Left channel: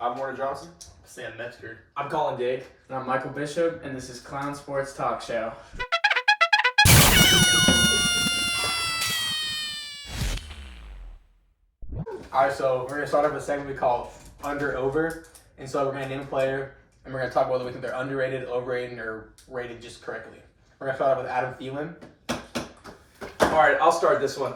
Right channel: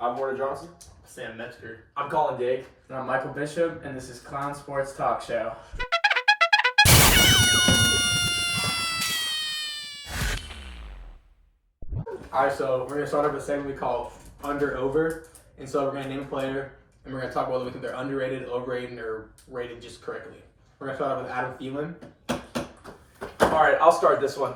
I'm Warner Johnson. Sam Metzger. I'm Colin Dig. And I'm Michael Bishop, and this is Clown Sports Talk Show. Alright, so we're going to start off with a segment we call Under Over. And so we're going to name a player, and we're going to talk whether we think they're underrated, overrated, or rated just correctly. We're going to start off with Adam Thielen. All right, I'll start this one.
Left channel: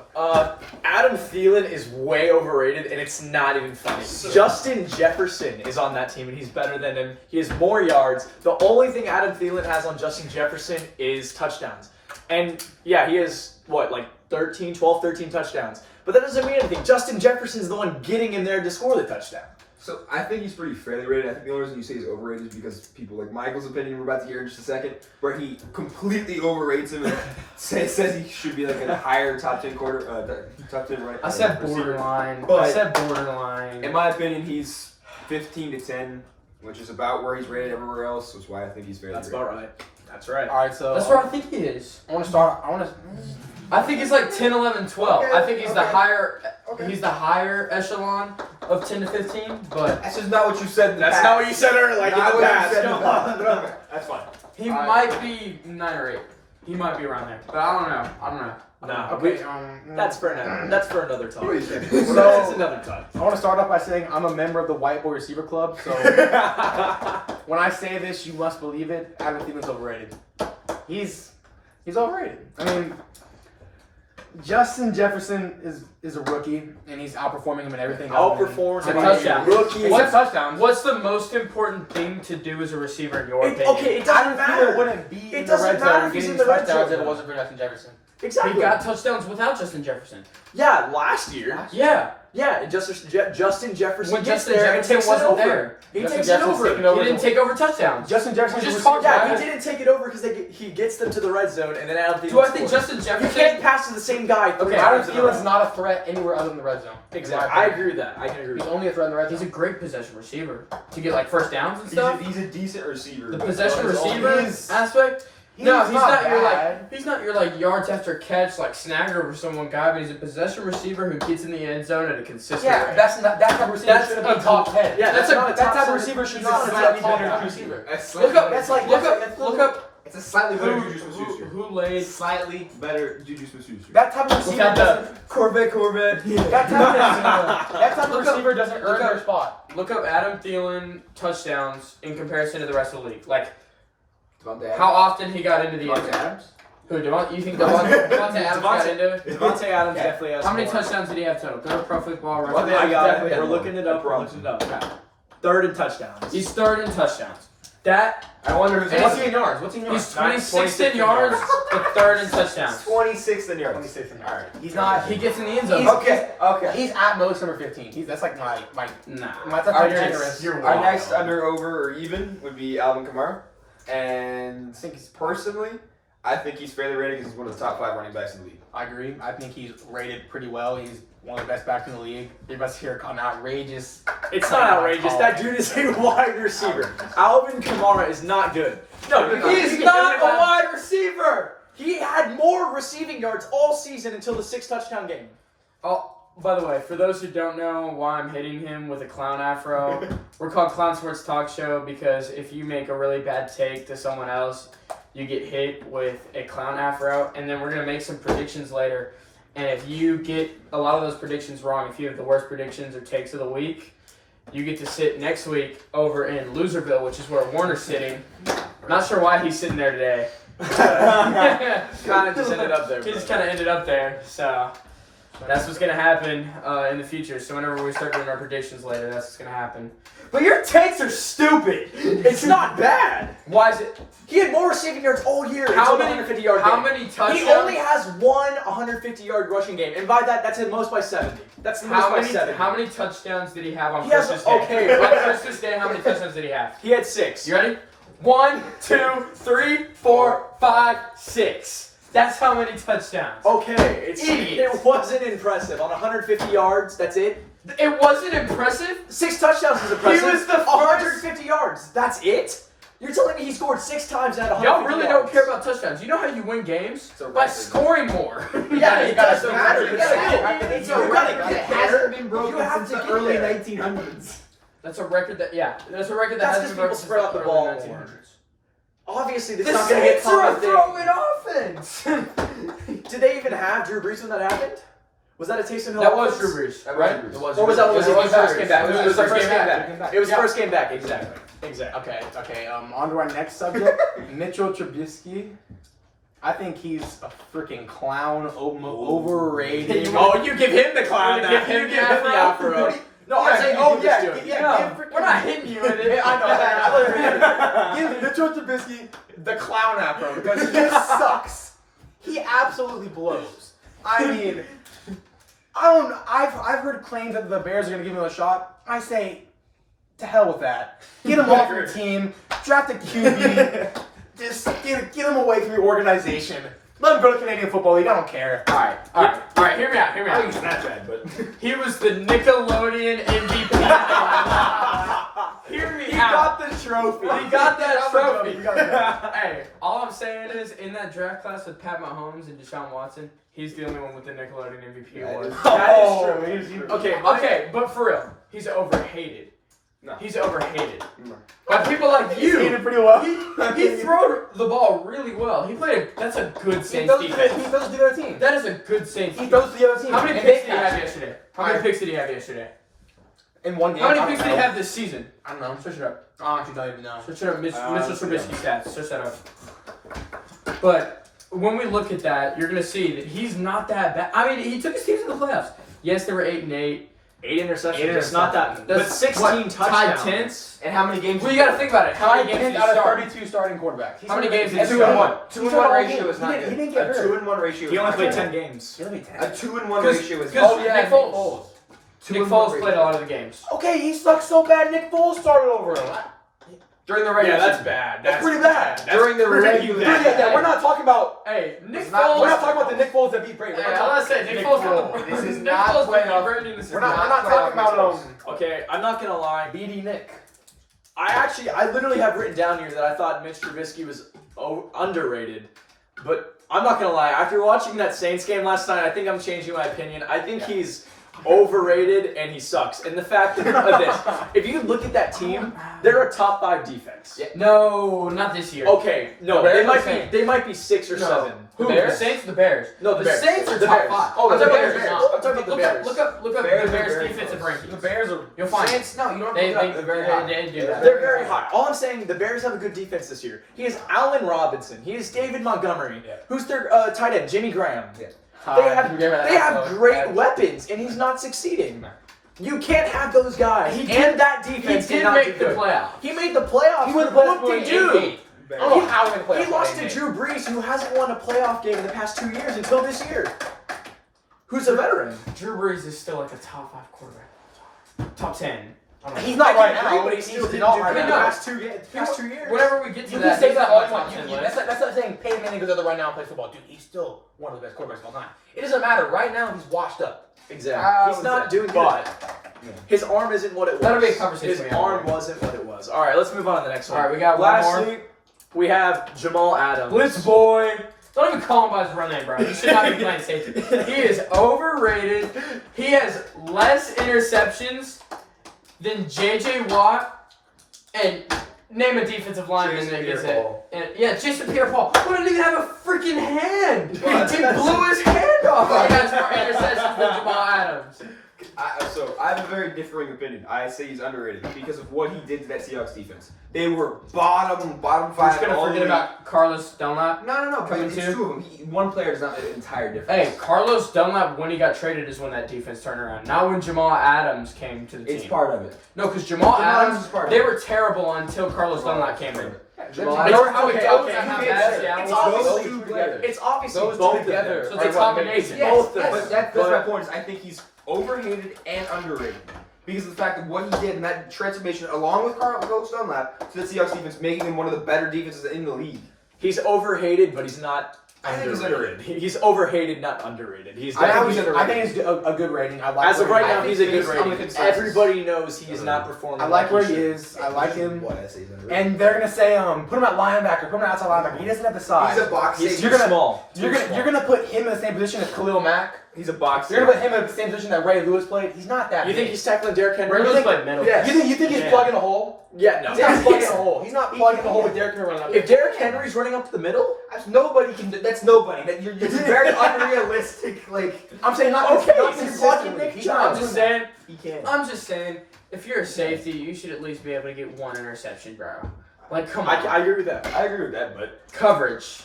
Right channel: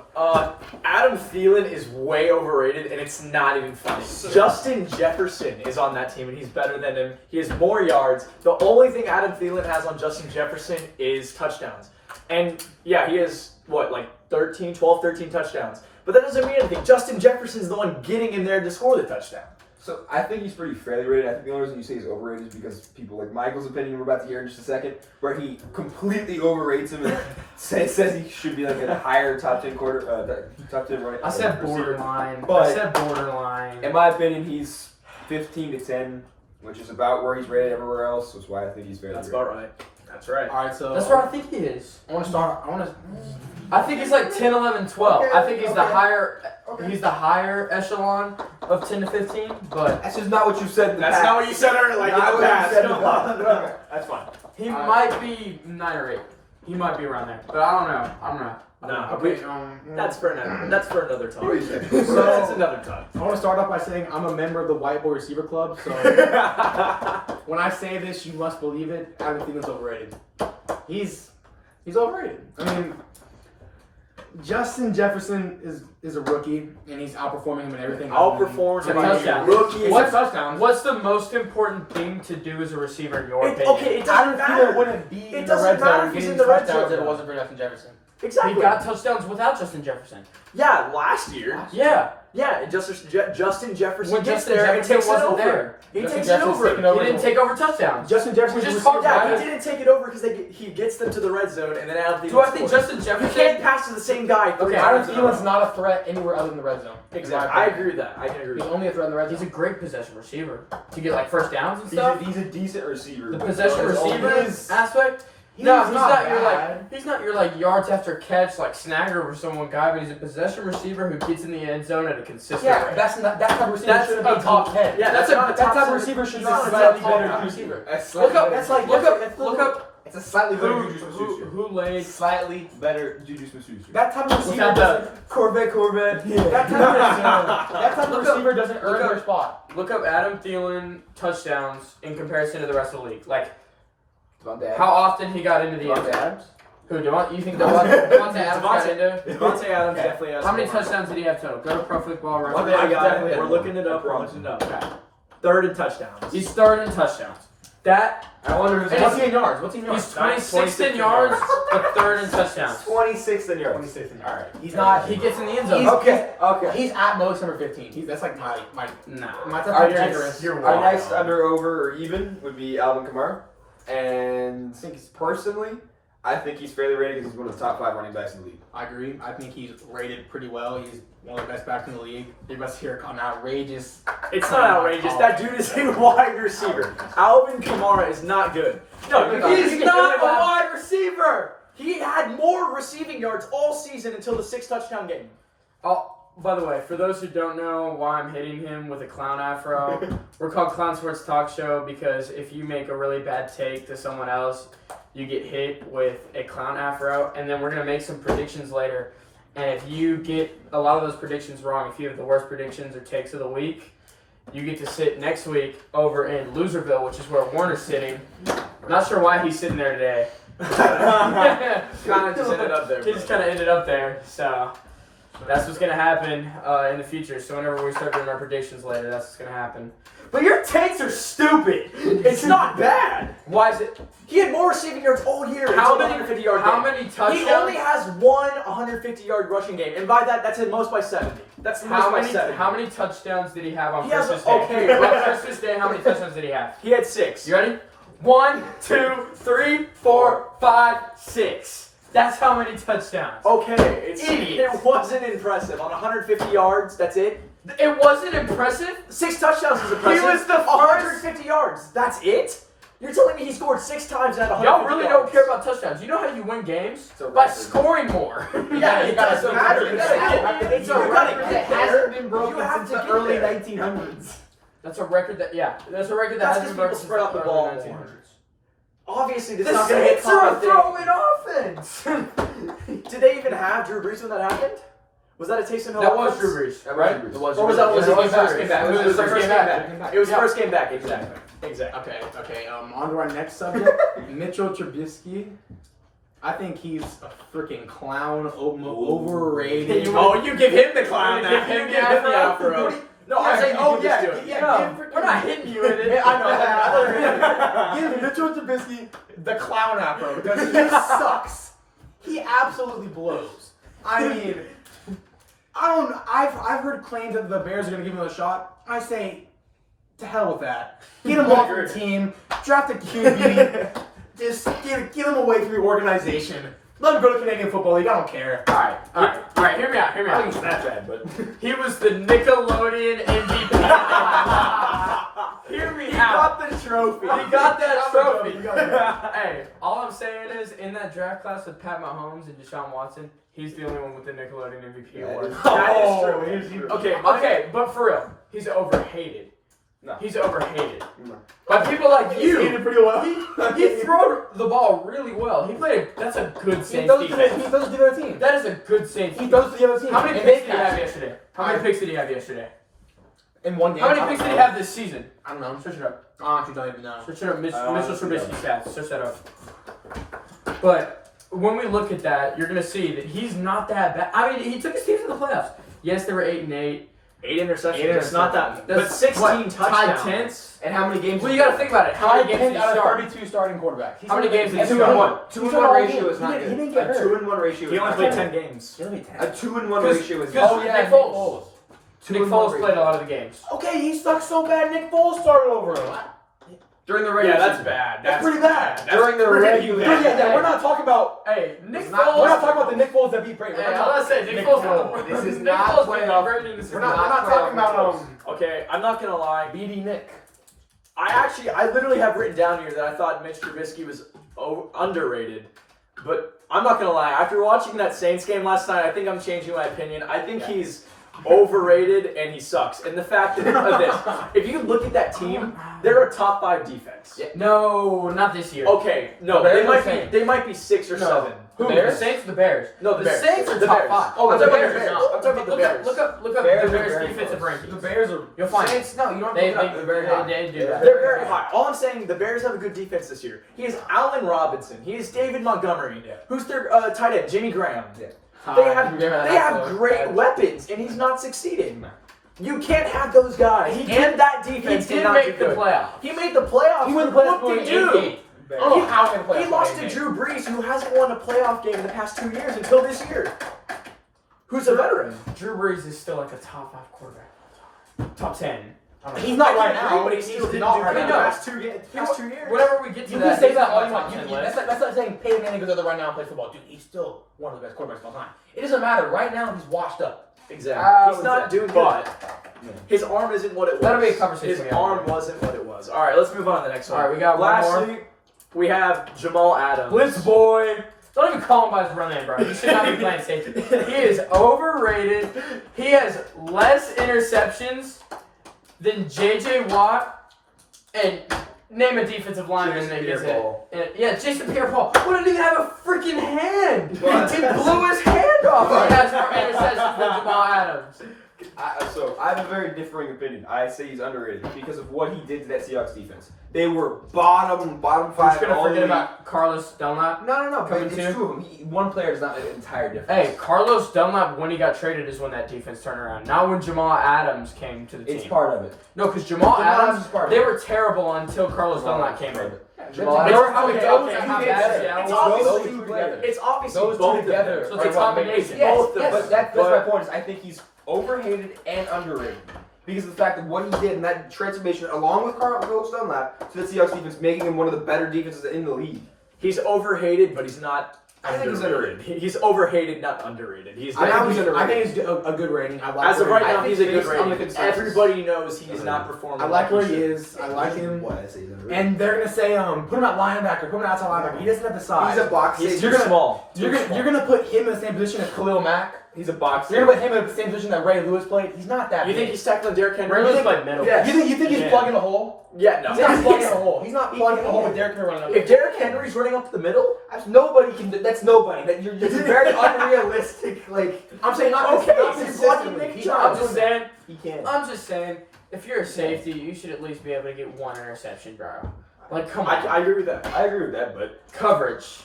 Adam Thielen is way overrated, and it's not even funny. Justin Jefferson is on that team, and he's better than him. He has more yards. The only thing Adam Thielen has on Justin Jefferson is touchdowns. And, yeah, he has, 12, 13 touchdowns. But that doesn't mean anything. Justin Jefferson's the one getting in there to score the touchdown. So I think he's pretty fairly rated. I think the only reason you say he's overrated is because people like Michael's opinion we're about to hear in just a second, where he completely overrates him and says he should be like a higher top 10 top 10 running. I said receiver. borderline. In my opinion, he's 15 to 10, which is about where he's rated everywhere else. That's why I think he's fairly That's rated. about right. That's right. Alright, so That's where I think he is. I think he's like 10, 11, 12. I think he's the higher. He's the higher echelon of 10 to 15, but That's just not what you said in the That's past. not what you said earlier. Not in what the you past. said in the Come on. past. That's fine. he might be 9 or 8. He might be around there, but I don't know. Nah, Okay, That's for another. That's for another time. What do you say? That's another time. I want to start off by saying I'm a member of the White Boy Receiver Club, so when I say this, you must believe it. Adam Thielen's overrated. He's overrated. I mean, Justin Jefferson is a rookie, and he's outperforming him in everything. Outperforms him. him. Touchdown. Rookie. What touchdowns? What's the most important thing to do as a receiver in your opinion? Okay, it doesn't Adam Thielen matter. wouldn't be It in the doesn't red matter zone if he's getting in the red touchdowns zone. if it wasn't for Justin Jefferson. Exactly. He got touchdowns without Justin Jefferson. Yeah, last year. Yeah. Yeah, and Justin Jefferson When gets Justin there and Jefferson takes it wasn't over. there. He Justin takes Jefferson's it over. taking over. He didn't take over touchdowns. Justin Jefferson We just was talked Yeah, about he didn't take it over because he gets them to the red zone and then Adam Thielen Do I think scores. Justin You Jefferson? can't pass to the same guy. Okay, Adam times in a row. Thielen's not a threat anywhere other than the red zone. Exactly. I agree with that. I can agree with He's that. only a threat in the red He's zone. a great possession receiver to get like first downs and stuff. He's a decent receiver. The but possession his only- receiver he's- aspect. No, he's not your bad. he's not your yards after catch like snagger over someone guy, but he's a possession receiver who gets in the end zone at a consistent Yeah, rate. that's not that type of receiver That's shouldn't a be top 10. Yeah, that's a- not a that top type of 10 receiver should be not a slightly top 10 better guy. than receiver. Look up, look up It's a slightly better who, Juju who, Smith-Schuster. who laid Slightly better Juju Smith-Schuster. That type of receiver Without doesn't. Corvette. That type of Look up- receiver doesn't look earn up- their spot. look up Adam Thielen touchdowns in comparison to the rest of the league. Like Devontae how often he got into the end Devontae zone. Adams? Who you think Devontae Adams got into it? Devontae Adams definitely has How many more. touchdowns did he have total? Go to Pro Football One Reference. day I got definitely it. had We're more. looking it up. I We're promise. looking it up. Okay. Third in touchdowns. He's third in touchdowns. That I wonder who's And What's he in yards? What's he in yards? he's 26th in yards, but third in touchdowns. 26th in yards. 26 in yards. Alright. He's not. He gets in the end zone. Okay. He's at most number 15. That's like my Nah. top Our 10 next, generous. You're our wrong. next under, over, or even would be Alvin Kamara. And I think he's personally, I think he's fairly rated because he's one of the top 5 running backs in the league. I agree. I think he's rated pretty well. He's one of the best backs in the league. You must hear an outrageous. It's not outrageous. That dude is a wide receiver. Alvin Kamara is not good. No, he's not a wide receiver. He had more receiving yards all season until the 6 touchdown game. Oh, by the way, for those who don't know why I'm hitting him with a clown afro, we're called Clown Sports Talk Show because if you make a really bad take to someone else, you get hit with a clown afro, and then we're going to make some predictions later. And if you get a lot of those predictions wrong, if you have the worst predictions or takes of the week, you get to sit next week over in Loserville, which is where Warner's sitting. Not sure why he's sitting there today. Kind of just ended up there. He just kind of ended up there, so that's what's gonna happen in the future. So whenever we start doing our predictions later, that's what's gonna happen. But your takes are stupid. It's not bad. Why is it? He had more receiving yards all year. How until many? the 150-yard How game. many touchdowns? He only has one 150-yard rushing game, and by that, that's the most by 70. That's the most How by many? 70. How many touchdowns did he have on He has- Christmas Day? okay, On well- Christmas Day, how many touchdowns did he have? He had 6. You ready? 1, 2, 3, 4, 5, 6. That's how many touchdowns. Okay, Idiot. it wasn't impressive. On 150 yards, that's it. It wasn't impressive. 6 touchdowns is impressive. was the first- 150 yards. That's it. You're telling me he scored 6 times and had 150 Y'all really yards. don't care about touchdowns. You know how you win games? It's a By record. scoring more. Yeah, it doesn't matter. It's a record. You gotta It get hasn't been You broken have since to the get early there. 1900s. That's a record that that's a record that That's hasn't because been people broken since spread out the early ball 1900s. more. Obviously, this The is not going to get Saints are a common throwing offense. Did they even have Drew Brees when that happened? Was that a Taysom Hill? That was offense? Drew Brees, That right? was- It was Or was that when Drew it Brees. was the first game back? It was the first game back. It was the first game back, exactly. Okay. On to our next subject. Mitchell Trubisky. I think he's a freaking clown, overrated. Oh, you give him the clown. You now. give him You the give him the afro. afro. No, I'm saying you give this to him. No, we're not hitting you with it. Yeah, I know. Give Mitchell Trubisky the clown afro because he sucks. He absolutely blows. I mean, I've heard claims that the Bears are going to give him a shot. I say, to hell with that. Get him off your team. Draft a QB. Just get him away from your organization. Let him go to Canadian Football League. I don't care. All right. Hear me out. I think he's not bad, but He was the Nickelodeon MVP. Hear me He out. got the trophy. He got that trophy. He got the trophy. Hey, all I'm saying is, in that draft class with Pat Mahomes and Deshaun Watson, he's the only one with the Nickelodeon MVP award. That is true. Okay, Okay, but for real, he's overhated. No. He's overhated. No. By people like He did you. it pretty well. He threw the ball really well. He played. That's a good He Saints throws to defense. the other team. That is a good Saints. He throws to the other team. How many And picks they did he have catch it. yesterday? How many picks did he have yesterday? In one game. How many I picks don't did he know. have this season? I don't know. Search it up. I actually don't even know. Search it up. Mitchell yeah. Trubisky stats. Search that up. But when we look at that, you're gonna see that he's not that bad. I mean, he took his team to the playoffs. Yes, they were 8-8. 8 interceptions. Eight It's not that. That's But 16 what, touchdowns. tied tenths. And how many games? Well, you got to think about it. How many games did he out of start? 32 starting quarterbacks? How many games did he Two start? and one. 2-1 ratio is not He good. didn't get A hurt. 2-1 ratio. He is only not played good. 10 games. He only played 10. A 2-1 Because- ratio is because- Oh yeah, Nick Foles. Nick 2-1 Foles ratio. played a lot of the games. Okay, he sucks so bad. Nick Foles started over him. During the regular Yeah, that's season. bad. That's pretty bad. During the regular Yeah, we're not talking about. Hey, Nick We're Foles. not talking about the Nick Foles that beat Brady. Hey, I was gonna say Nick Foles. This is Nick not Foles playoff. We're not talking about Okay, I'm not gonna lie. BD Nick. I literally have written down here that I thought Mitch Trubisky was underrated. But I'm not gonna lie. After watching that Saints game last night, I think I'm changing my opinion. I think he's overrated and he sucks. And the fact of this, if you look at that team, they're a top 5 defense. Yeah. No, not this year. Okay, no, The Bears they or might Saints? be. They might be 6 or No. 7. Who? The Bears? The Saints or the Bears? No, The Bears. Saints are The top Bears. 5. Oh, I'm the talking Bears about are the not. Bears. I'm talking about the Look Bears. up the Bears are Bears very defensive close. rankings. The Bears are. You'll find it. Saints, no, you don't They have to. They're very high. do that. They're very high. All I'm saying, the Bears have a good defense this year. He has Allen Robinson. He has David Montgomery. Yeah. Who's their tight end? Jimmy Graham. Yeah. They have great weapons, and he's not succeeding. You can't have those guys. He and that He defense did not make do the good. playoffs. He made the playoffs. He went to but playoffs what did going he 8-8. do? I don't know how he went to He playoffs lost going to 8-8. Drew Brees, who hasn't won a playoff game in the past 2 years until this year. Who's a veteran? Drew Brees is still like a top 5 quarterback. Top 10. He's not right I now. agree, but he still didn't not do right good in the now. past 2 years. Whenever we get to You that, can say he's that on all my you top want. 10 That's list. like saying Peyton Manning goes there right now and plays football. Dude, he's still one of the best quarterbacks of all time. It doesn't matter. Right now, he's washed up. Exactly. He's not doing good. But His arm isn't what it was. That'll be a conversation His we have arm later. wasn't what it was. All right, let's move on to the next one. All right, we got one more. Lastly, we have Jamal Adams. Blitz boy. Don't even call him by his real name, bro. You should not be playing safety. He is overrated. He has less interceptions than J.J. Watt and name a defensive lineman Jason that gets it. Pierre-Paul. And, yeah, Jason Pierre-Paul. Who didn't even have a freaking hand. Well, He blew his hand off. He has more interceptions than Jamal Adams. So I have a very differing opinion. I say he's underrated because of what he did to that Seahawks defense. They were bottom We're 5 just gonna all the forget way. about Carlos Dunlap. No. But Coming it's too? two of them. One player is not an entire difference. Hey, Carlos Dunlap, when he got traded, is when that defense turned around. Not when Jamal Adams came to the team. It's part of it. No, because Jamal Adams, is part of they it. were terrible until Carlos Dunlap came in. Jamal They Adams- were Okay, those okay, two how together. bad is Seattle? It's Those obviously two together. It's obviously Those both two of together. them. So it's a are what makes- combination. Yes, Both of yes. them. But that's my point. Is I think he's overhated and underrated because of the fact that what he did in that transformation, along with Carlos Dunlap, to the Seahawks defense, making him one of the better defenses in the league. He's overhated, but he's not. I think he's underrated. He's overhated, not underrated. He's. I Now think he's he's underrated. a good rating. I like As of where right he- now, I he's think a good based on the rating. consensus- Everybody knows he is not performing. I like where he he should. is. I like him. What I say he's underrated. And they're gonna say, put him at linebacker, put him at outside linebacker. He doesn't have the size. He's a box He's safety. too small. You're gonna put him in the same position as Khalil Mack. He's a box. You're gonna put him in the same position that Ray Lewis played. He's not that. You think he's tackling Derrick Henry? Ray Lewis played middle. Yes. You think he's Yeah. plugging a hole? Yeah, no. He's not plugging a hole. He's not plugging a hole with Derrick Henry running up. If Derrick Henry's running up the middle, Nobody can. That's nobody. It's very unrealistic. Like I'm saying not Okay, not he's blocking consistently. Nick He's Chubb. not I'm just doing saying. he can't. I'm just saying. If you're a safety, you should at least be able to get one interception, bro. Like, come on. I agree with that. I agree with that, but Coverage.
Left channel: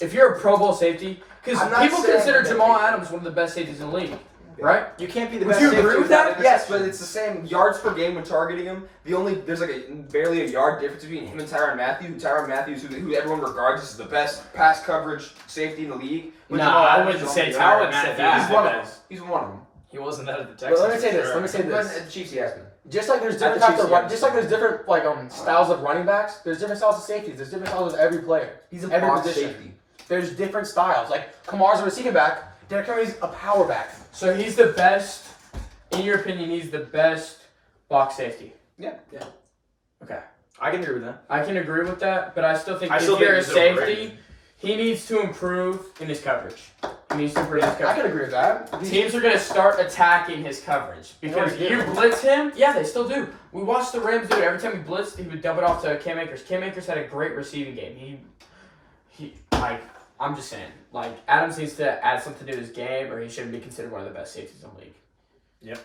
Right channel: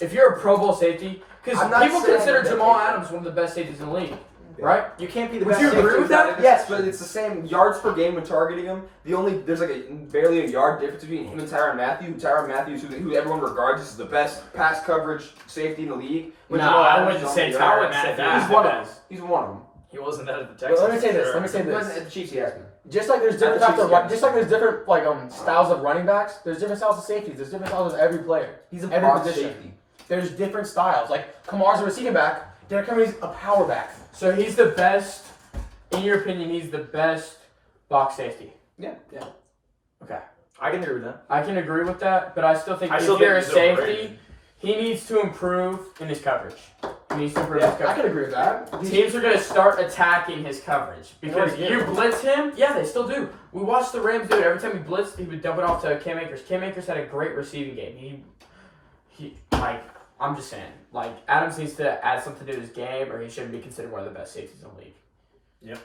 If you're a Pro Bowl safety, because I'm not people saying consider that Jamal they- Adams one of the best safeties in the league, right? You can't be the Would best you safety agree with without that? an Yes, interception. but it's the same yards per game when targeting him. There's like barely a yard difference between him and Tyrann Mathieu. Tyrann Mathieu, who everyone regards as the best pass coverage safety in the league. When No, Jamal I Adams wouldn't is say on the I other. wouldn't say Tyrann that. He's one of them. He's one of them. He wasn't that at the But Texans. let me say this. for Let me sure. say But this. at the Chiefs, he has been. Just like there's different the types of Chiefs, run, yeah. just like there's different like styles of running backs. There's different styles of safeties. There's different styles of every player. He's a Every box position. safety. There's different styles. Like Kamar's a receiving back. Derrick Henry's a power back. So he's the best, in your opinion, he's the best box safety. Yeah. Okay. I can agree with that. I can agree with that, but I still think I if still you're a think he's overrated. safety, he needs to improve in his coverage. He needs to improve his I coverage. can agree with that. Teams are going to start attacking his coverage because They already you do. blitz him. Yeah, they still do. We watched the Rams do it. Every time he blitzed, he would dump it off to Cam Akers. Cam Akers had a great receiving game. I'm just saying, like, Adams needs to add something to his game, or he shouldn't be considered one of the best safeties in the league.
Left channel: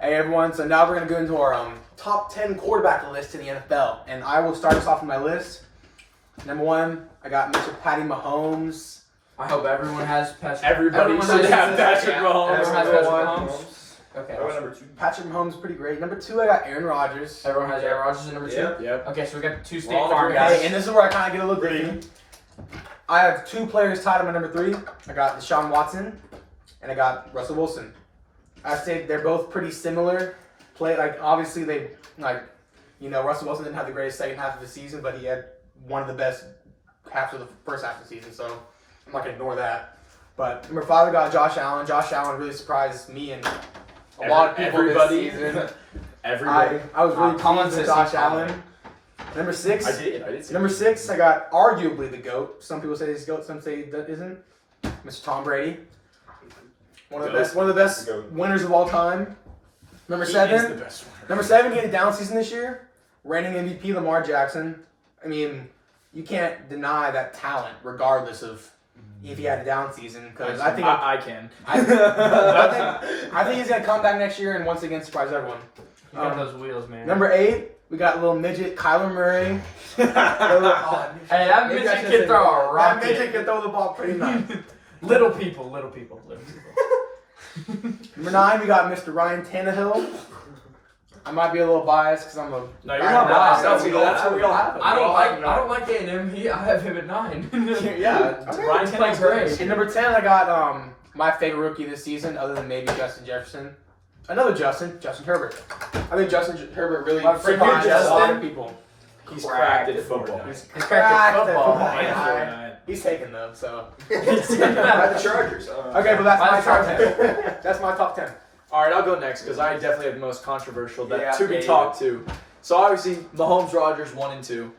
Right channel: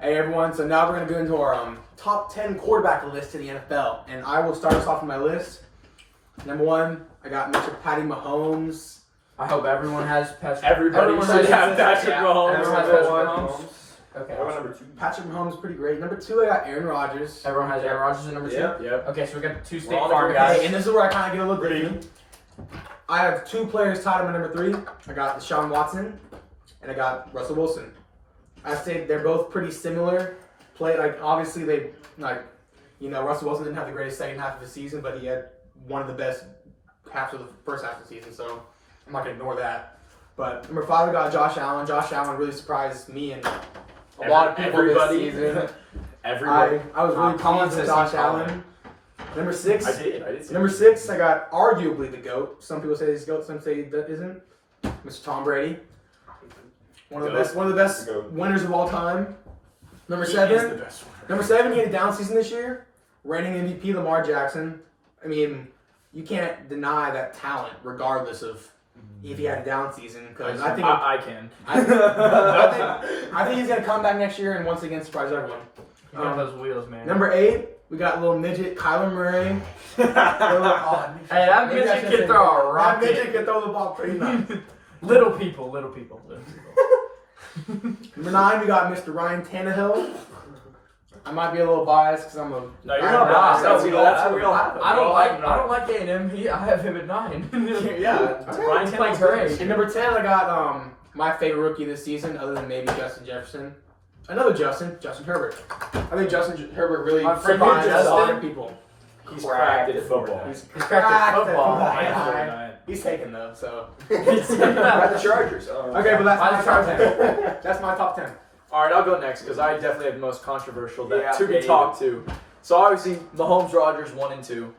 Hey everyone, so now we're gonna go into our top 10 quarterback list in the NFL, and I will start us off with my list. Number 1, I got Mr. Patty Mahomes. I hope everyone has Patrick. Everybody everyone should has- have Patrick yeah, Mahomes. Everyone has Number Patrick one, Mahomes. Okay. I went number 2. Patrick Mahomes is pretty great. Number 2, I got Aaron Rodgers. Everyone has Aaron Rodgers in number 2. Yeah. Yep. Okay, so we got 2 We're State all Farm agreed. guys. Hey, and this is where I kind of get a little gritty. I have 2 players tied at my number 3. I got Deshaun Watson, and I got Russell Wilson. I say they're both pretty similar. Obviously Russell Wilson didn't have the greatest second half of the season, but he had one of the best halves of the first half of the season, so I'm not gonna ignore that. But number 5, I got Josh Allen. Josh Allen really surprised me and a lot of people Everybody. this season. Everybody. I was really Tomlin pleased with says Josh he's Allen. Number 6, I did. Number 6, I got arguably the GOAT. Some people say he's GOAT, some say that isn't. Mr. Tom Brady. One of the best GOAT. winners of all time. Number He 7, is the best one. Number 7, he had a down season this year. Reigning MVP Lamar Jackson. I mean, you can't deny that talent, regardless of if he had a down season. Because I think I can. I think he's gonna come back next year and once again surprise everyone. You got those wheels, man. Number 8, we got little midget Kyler Murray. Hey, that Maybe I midget should can say throw that. a rocket. That midget can throw the ball pretty nice. Little people. Number 9, we got Mr. Ryan Tannehill. I might be a little biased because I'm a. No, you're not biased. No, That's what we all have. I don't like A&M. I have him at 9. Yeah. Ryan He's playing Tannehill's great. And number 10, I got my favorite rookie this season, other than maybe Justin Jefferson. Another Justin Herbert. I think Justin Herbert really My friend surprised a lot Justin? of people. He's cracked at football. He's He's cracked at football. Yeah. He's taking them, so. By the Chargers. Okay, but that's my Mine's top top 10. That's my top 10. All right, I'll go next because I definitely have the most controversial that Yeah, to be yeah, you talked to. So obviously, Mahomes, Rodgers, 1 and 2.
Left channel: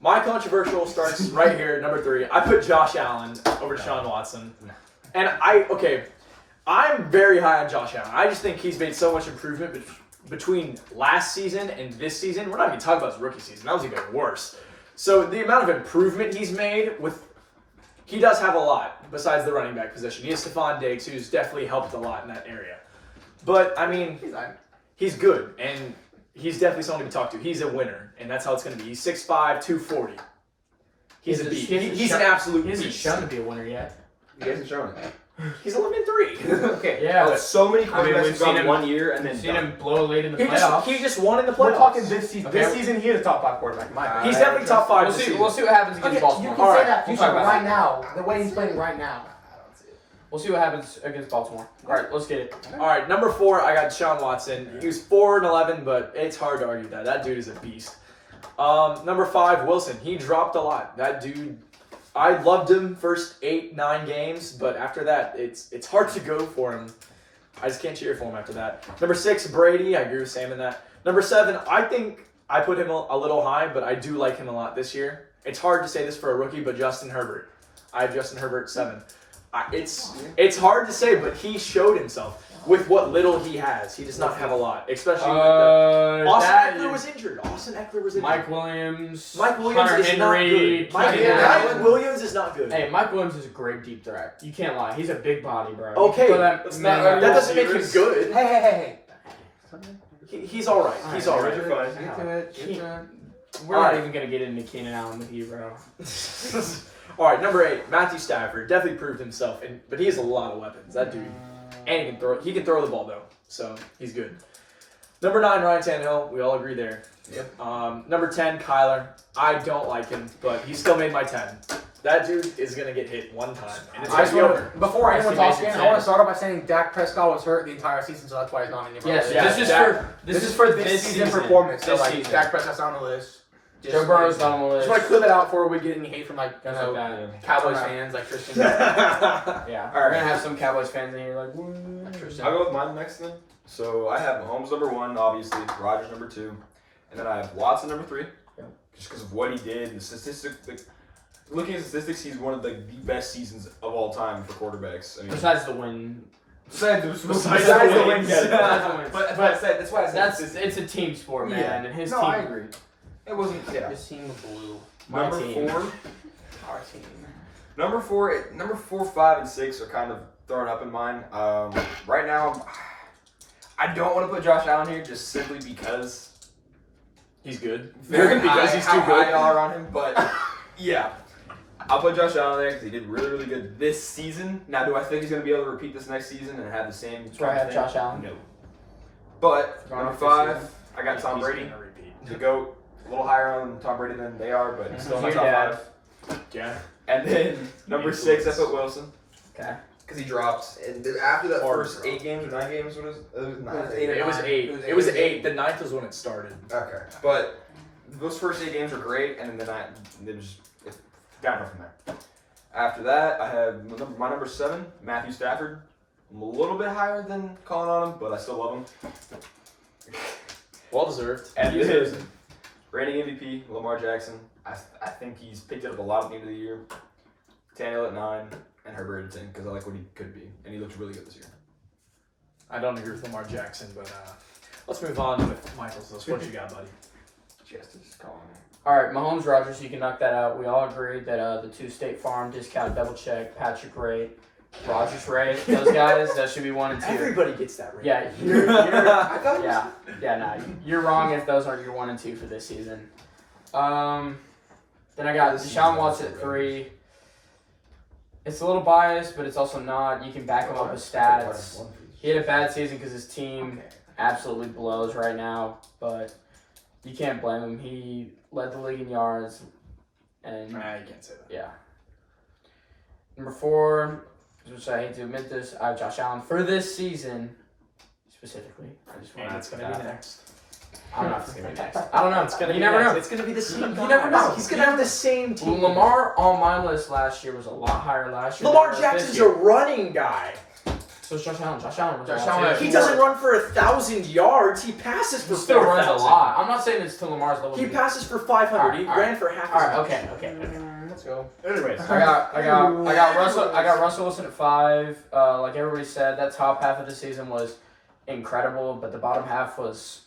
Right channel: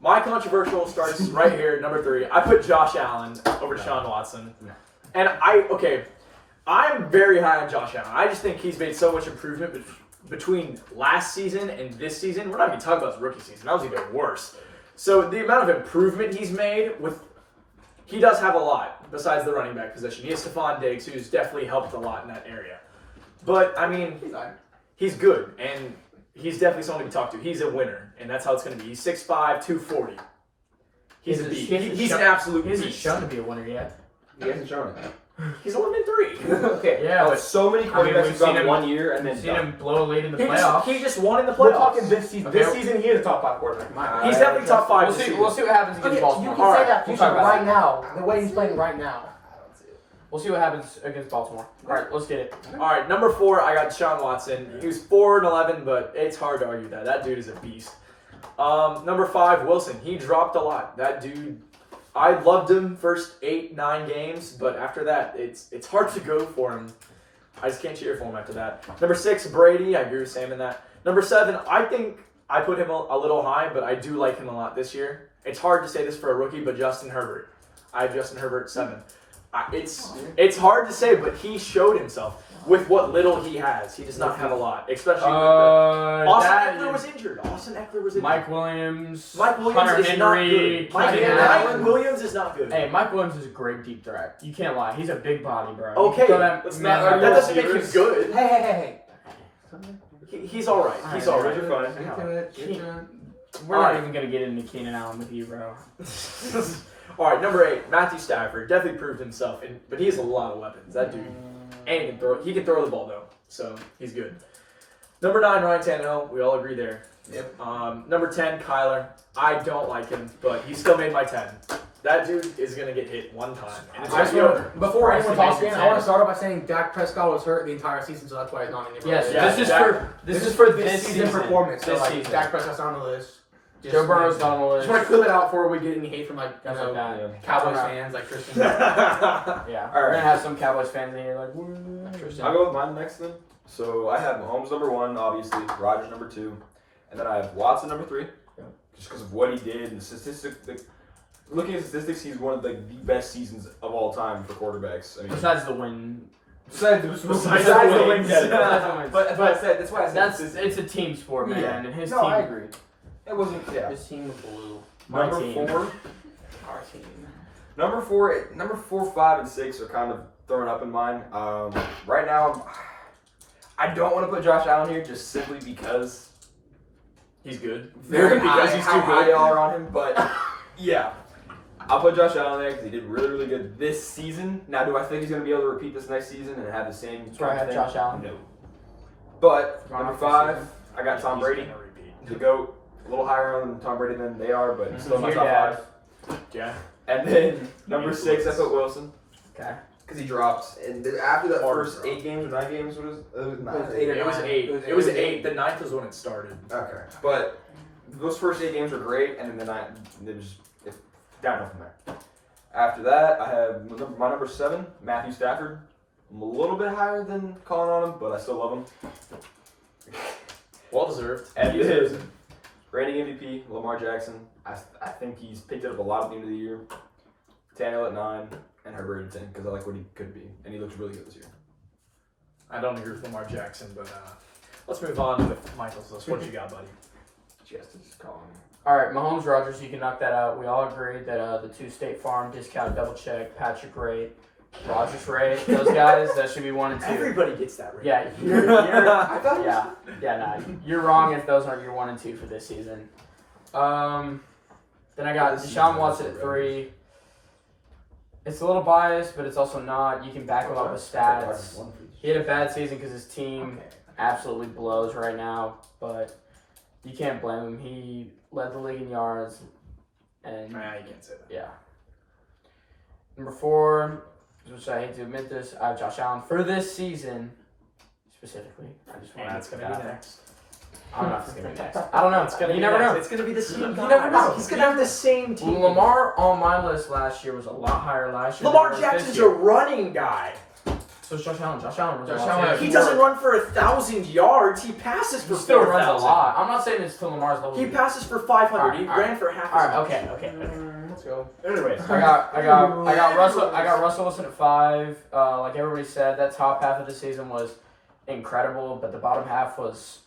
My controversial starts right here, number 3. I put Josh Allen over Deshaun Watson, and I'm very high on Josh Allen. I just think he's made so much improvement between last season and this season. We're not even talking about his rookie season; that was even worse. So the amount of improvement he's made he does have a lot besides the running back position. He has Stephon Diggs, who's definitely helped a lot in that area. But I mean, he's good, and he's definitely someone to be talked to. He's a winner, and that's how it's going to be. He's 6'5", 240. He's a beast. He's an absolute He hasn't beast. shown to be a winner yet. He hasn't shown it. He's 11-3. Okay. Yeah, but but- so many I mean, quarterbacks we've have gone seen him- 1 year and then We've seen done. him blow a lead in the playoffs. He just won in the playoffs. We're talking this season. Okay. This season, he is a top 5 quarterback. in my opinion. He's definitely top 5 We'll this see. season. We'll see what happens against Okay, Baltimore. you can All say right, that we'll future talk about right that. now. The way he's playing right now. We'll see what happens against Baltimore. All right, let's get it. All right, number 4, I got Deshaun Watson. He was 4-11, but it's hard to argue that. That dude is a beast. Number 5, Wilson. He dropped a lot. That dude, I loved him first 8-9 games, but after that, it's hard to go for him. I just can't cheer for him after that. Number 6, Brady. I agree with Sam in that. Number 7, I think I put him a little high, but I do like him a lot this year. It's hard to say this for a rookie, but Justin Herbert. I have Justin Herbert 7. It's hard to say, but he showed himself with what little he has. He does not have a lot, especially with Austin Eckler was injured. Mike Williams. Mike Williams Hunter is not Henry. good. Mike Williams is not good. Hey, Mike Williams is a great deep threat. You can't lie. He's a big body, bro. Okay, that that doesn't make him good. Hey. He's all right. He's all right. Get to it. We're All not right. even gonna get into Keenan Allen with you, bro. All right, number 8, Matthew Stafford definitely proved himself, but he has a lot of weapons. That dude, and he can throw the ball though, so he's good. Number 9, Ryan Tannehill. We all agree there. Yep. Number 10, Kyler. I don't like him, but he still made my 10. That dude is gonna get hit one time, and it's I gonna just be want over. before anyone talks Actually, again, I want to start off by saying Dak Prescott was hurt the entire season, so that's why he's not in the Yes, Yeah, this is for this season season performance. So This like season. Dak Prescott's not on the list. Joe Burrow's not on the list. Just want to clear that out before we get any hate from like Guys like that. Cowboys Alright. fans like Tristan. Yeah, All we're right. gonna have some Cowboys fans in here like. Tristan. I'll go with mine next then. So I have Mahomes number 1, obviously. Rodgers number 2, and then I have Watson number 3, just because of what he did and the statistics. Looking at statistics, he's one of the best seasons of all time for quarterbacks. I mean, Besides the win, besides the the wins. wins, Besides the yeah. wins. But that's why I said it's a team sport, man, Yeah. and his No, team. I agree. It wasn't. Yeah. His team was blue. My Number team. 4. Our team. Number 4, 5, and 6 are kind of thrown up in mine. Right now, I don't want to put Josh Allen here just simply because He's good. very Because high, he's how too high good. y'all are on him. But yeah, I'll put Josh Allen there because he did really, really good this season. Now, do I think he's going to be able to repeat this next season and have the same? That's where I have thing? Josh Allen. No. But Going number off this 5, season. I got Tom He's Brady, gonna repeat. the GOAT. A little higher on Tom Brady than they are, but he's still in my Your top dad. 5. Yeah. And then number 6, I put Wilson. Okay. Because he dropped, and after that Hard first drop. 8 games or 9 games, what is it? Was 9. It was 8. It was 8. The 9th was when it started. Okay, but those first 8 games were great, and then the 9, it was just downhill from there. After that, I have my number 7, Matthew Stafford. I'm a little bit higher than calling on him, but I still love him. Well deserved. And He deserves then reigning MVP, Lamar Jackson. I think he's picked it up a lot at the end of the year. Tannehill at 9, and Herbert at 10, because I like what he could be, and he looks really good this year. I don't agree with Lamar Jackson, but let's move on with Michael's list. What you got, buddy? Just calling him. All right, Mahomes, Rodgers, you can knock that out. We all agreed that the 2 State Farm discount double check, Patrick rate, Rodgers rate, those guys, that should be 1 and 2. Everybody gets that right. Yeah, you're I thought it was no, you're wrong if those aren't your 1 and 2 for this season. Then I got This season, Deshaun Watson at right. 3. It's a little biased, but it's also not. You can back him up with stats. He had a bad season because his team absolutely blows right now, but you can't blame him. He led the league in yards, and You can't say that. yeah. Number 4, which I hate to admit this, I have Josh Allen for this season specifically. I just want And to it's put gonna that be out there. next. I don't know if it's gonna be next. I don't know. It's gonna You be never next. know. It's gonna be the same. You never know. He's gonna have the same team. Lamar on my list last year was a lot higher last year. Lamar than it was Jackson's this a year. running guy. So is Josh Allen. Josh Allen was Josh a lot Allen- too. He doesn't run for 1,000 yards. He passes for He still runs a 4,000. lot. I'm not saying it's to Lamar's level. He passes for 500. He All right, ran for half. All right. as much. Okay. Let's go. Anyways, I got Russell Wilson at 5. Like everybody said, that top half of the season was incredible, but the bottom half was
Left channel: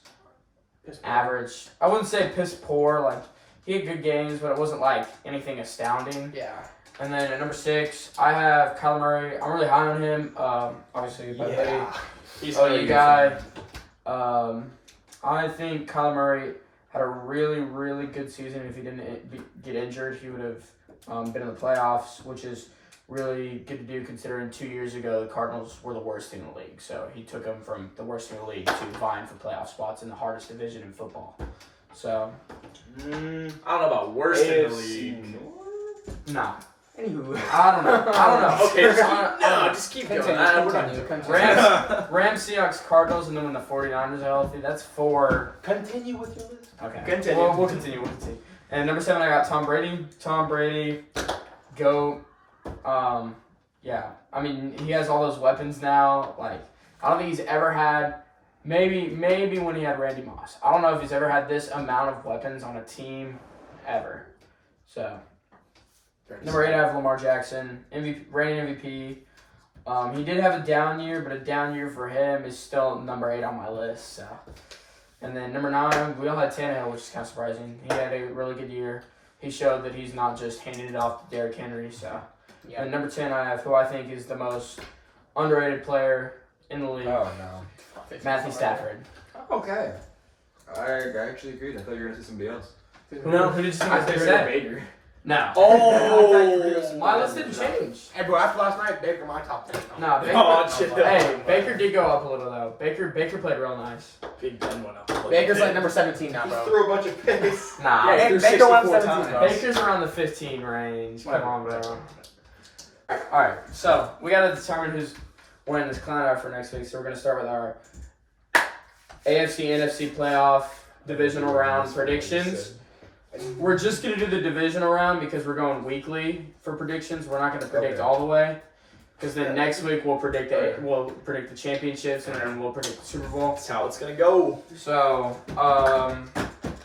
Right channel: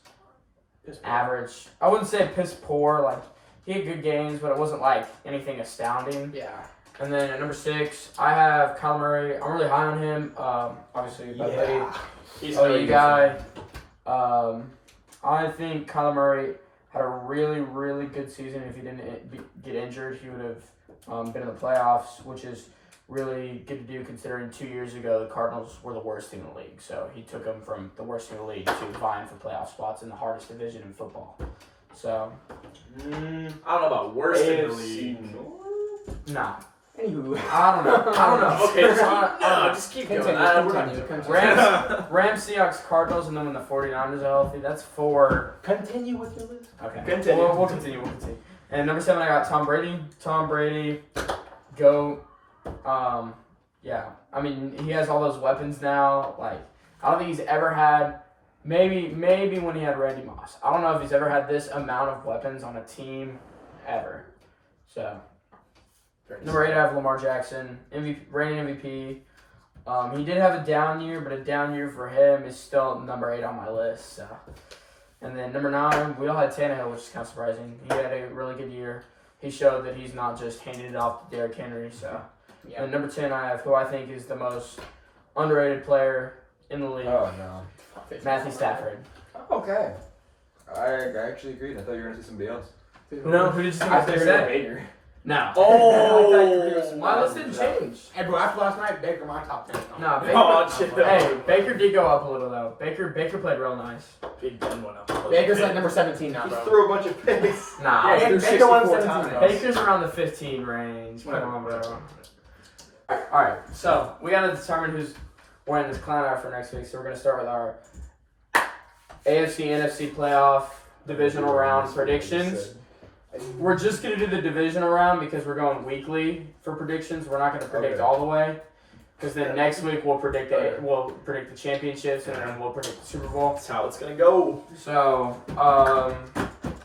average. I wouldn't say piss poor. Like he had good games, but it wasn't like anything astounding. Yeah. And then at number 6, I have Kyler Murray. I'm really high on him. Obviously, but He's OU guy. I think Kyler Murray had a really, really good season. If he didn't get injured, he would have been in the playoffs, which is really good to do considering 2 years ago the Cardinals were the worst team in the league. So he took them from the worst team in the league to vying for playoff spots in the hardest division in football. So, I don't know about worst in the league. nah. Anywho. I don't know. Okay, just keep going. Continue, We're not continue, doing continue. it. Rams, Seahawks, Cardinals, and then when the 49ers are healthy, that's 4. Continue with your list. Okay. Continue. We'll continue. And number 7, I got Tom Brady. Tom Brady, GOAT. Yeah. I mean, he has all those weapons now. Like, I don't think he's ever had. Maybe when he had Randy Moss. I don't know if he's ever had this amount of weapons on a team ever. So, Number 8, I have Lamar Jackson, reigning MVP. He did have a down year, but a down year for him is still number 8 on my list. So, and then number 9, we all had Tannehill, which is kind of surprising. He had a really good year. He showed that he's not just handing it off to Derrick Henry. So, and number 10, I have who I think is the most underrated player in the league, Oh no. Matthew Stafford. Okay. I actually agreed. I thought you were gonna say somebody else. No, who did you I think think said? Baker. No. Oh, My list didn't change. Hey, bro, after last night, Baker my top 10. No, Baker. Oh, shit. Hey, Baker did go up a little though. Baker played real nice. Big Ben went up. Baker's like number 17 now, He bro. threw a bunch of picks. Nah, Yeah, he threw Baker won 64 17, times. bro. Baker's around the 15 range. Come Whatever. on, bro. All right, so we gotta determine who's winning this clown out for next week. So we're gonna start with our AFC NFC playoff divisional round predictions. We're just gonna do the divisional round because we're going weekly for predictions. We're not gonna predict Okay. all the way, because then next week we'll predict the championships and then we'll predict the Super Bowl. That's how it's gonna go. So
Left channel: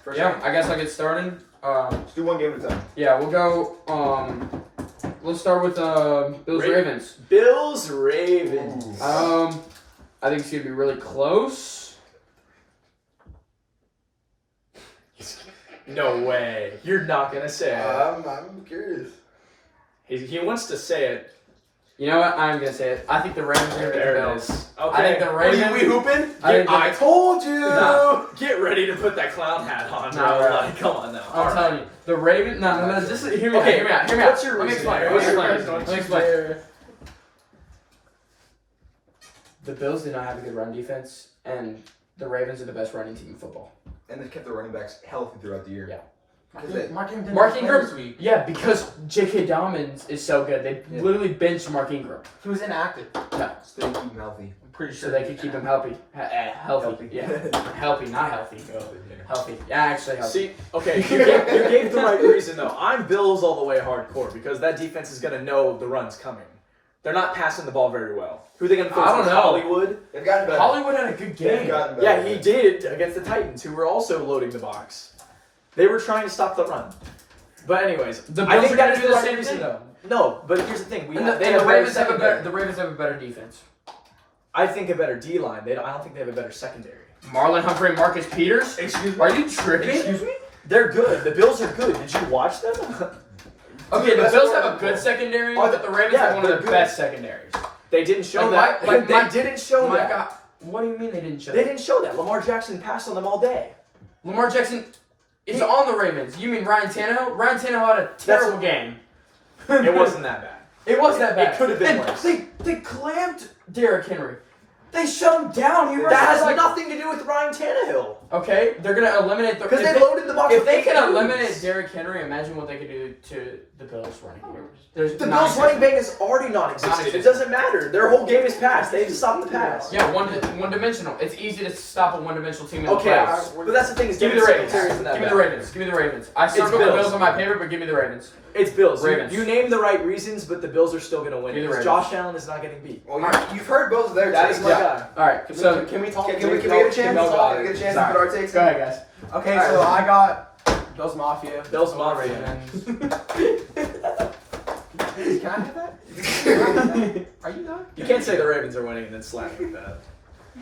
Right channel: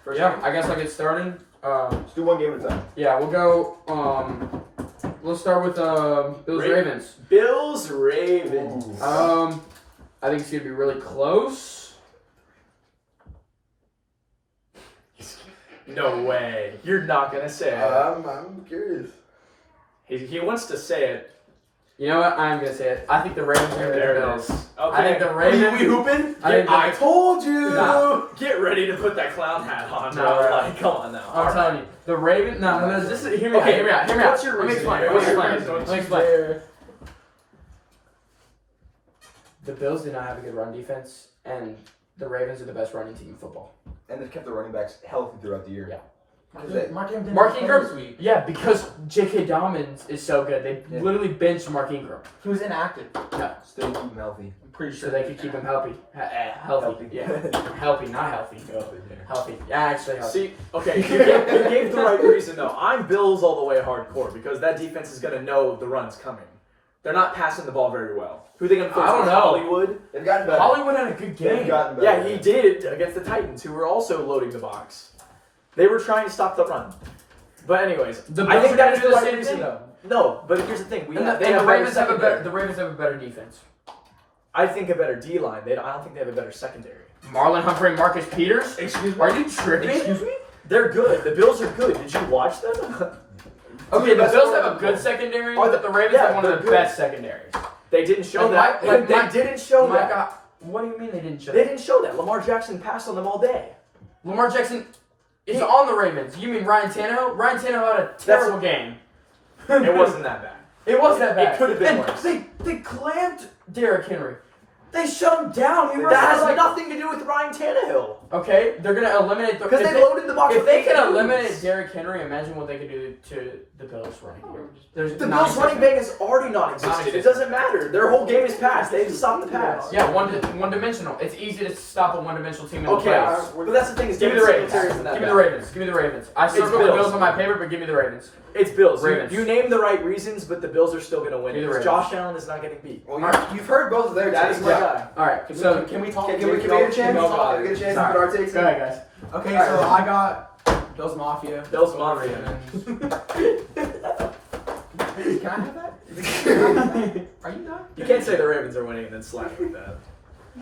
First yeah, game. I guess I'll get started. Let's do one game at a time. Yeah, we'll go. Let's start with Bills Ravens. Bills Ravens. Ooh. I think it's gonna be really close. No way. You're not gonna say it. I'm curious. He wants to say it. You know what? I'm gonna say it. I think the Ravens are gonna beat the There it Bills. is. I Okay. think the Ravens. We hooping? I think I the- told you. Nah. Get ready to put that clown hat on, bro. Nah, bro. Like, come on now. I'm telling you, the Ravens. No. Just hear me out. Okay, Hear me out. what's your Let me reason? explain. What's your Let reason? me explain. The Bills did not have a good run defense, and the Ravens are the best running team in football. And they've kept their running backs healthy throughout the year. Yeah. Mark Ingram Mark play Ingram- this week. Yeah, because J.K. Dobbins is so good. They Yeah. literally benched Mark Ingram. He was inactive. Stay keep them healthy. I'm pretty So sure they could keep him healthy. Healthy. Yeah. Healthy, not healthy. Healthy. Yeah, actually healthy. See, okay, you gave the right reason though. I'm Bills all the way hardcore because that defense is gonna know the run's coming. They're not passing the ball very well. Who are they gonna face? I don't know. Hollywood? They've gotten better. Hollywood had a good They've game. gotten better. Yeah, he did against the Titans, who were also loading the box. They were trying to stop the run. But anyways, The I Bills think are that gonna is do the the right same reason thing. though. No, but here's the thing: And the they have Ravens have a secondary. better. The Ravens have a better defense. I think a better D line. I don't think they have a better secondary. Marlon Humphrey, and Marcus Peters. Excuse me. Are you tripping? Excuse me? They're good. The Bills are good. Did you watch them? Okay, the Bills have a good secondary, Are but the Ravens have one of they're the good. best secondaries. They didn't show And that. Mike- they Mike- didn't show My that. God, what do you mean they didn't show They that? didn't show that. Lamar Jackson passed on them all day. Lamar Jackson is on the Ravens. You mean Ryan Tannehill? Ryan Tannehill had a terrible game. It wasn't that bad. It was that bad. It could have been And worse. They clamped Derrick Henry. They shut him down. He That rushed has like nothing to do with Ryan Tannehill. okay. They're gonna eliminate the Because if they loaded the box If with they can dudes. eliminate Derrick Henry, imagine what they could do to the Bills running game. There's The nine- Bills running back is already non-existent. It doesn't matter. Their whole game is passed. They just stop the pass. Yeah, one dimensional. It's easy to stop a one dimensional team in the Okay, playoffs. but that's the thing. Is Give me the Ravens. Secretary isn't that Give me bad. the Ravens. Give me the Ravens. I circled the Bills. Bills on my paper, but give me the Ravens. It's Bills. Ravens. You named the right reasons, but the Bills are still going to win. Give me the Because Ravens. Josh Allen is not getting beat. Well, you've heard both of their That takes. is my guy. All right. So So can we talk? Can we get a chance? Can we get a chance to Sorry. put our takes go in? ahead, guys. Okay, All right. so I got Bills Mafia. Bills Mafia. Can I have that? Are you done? You can't say the Ravens are winning and then slap like that.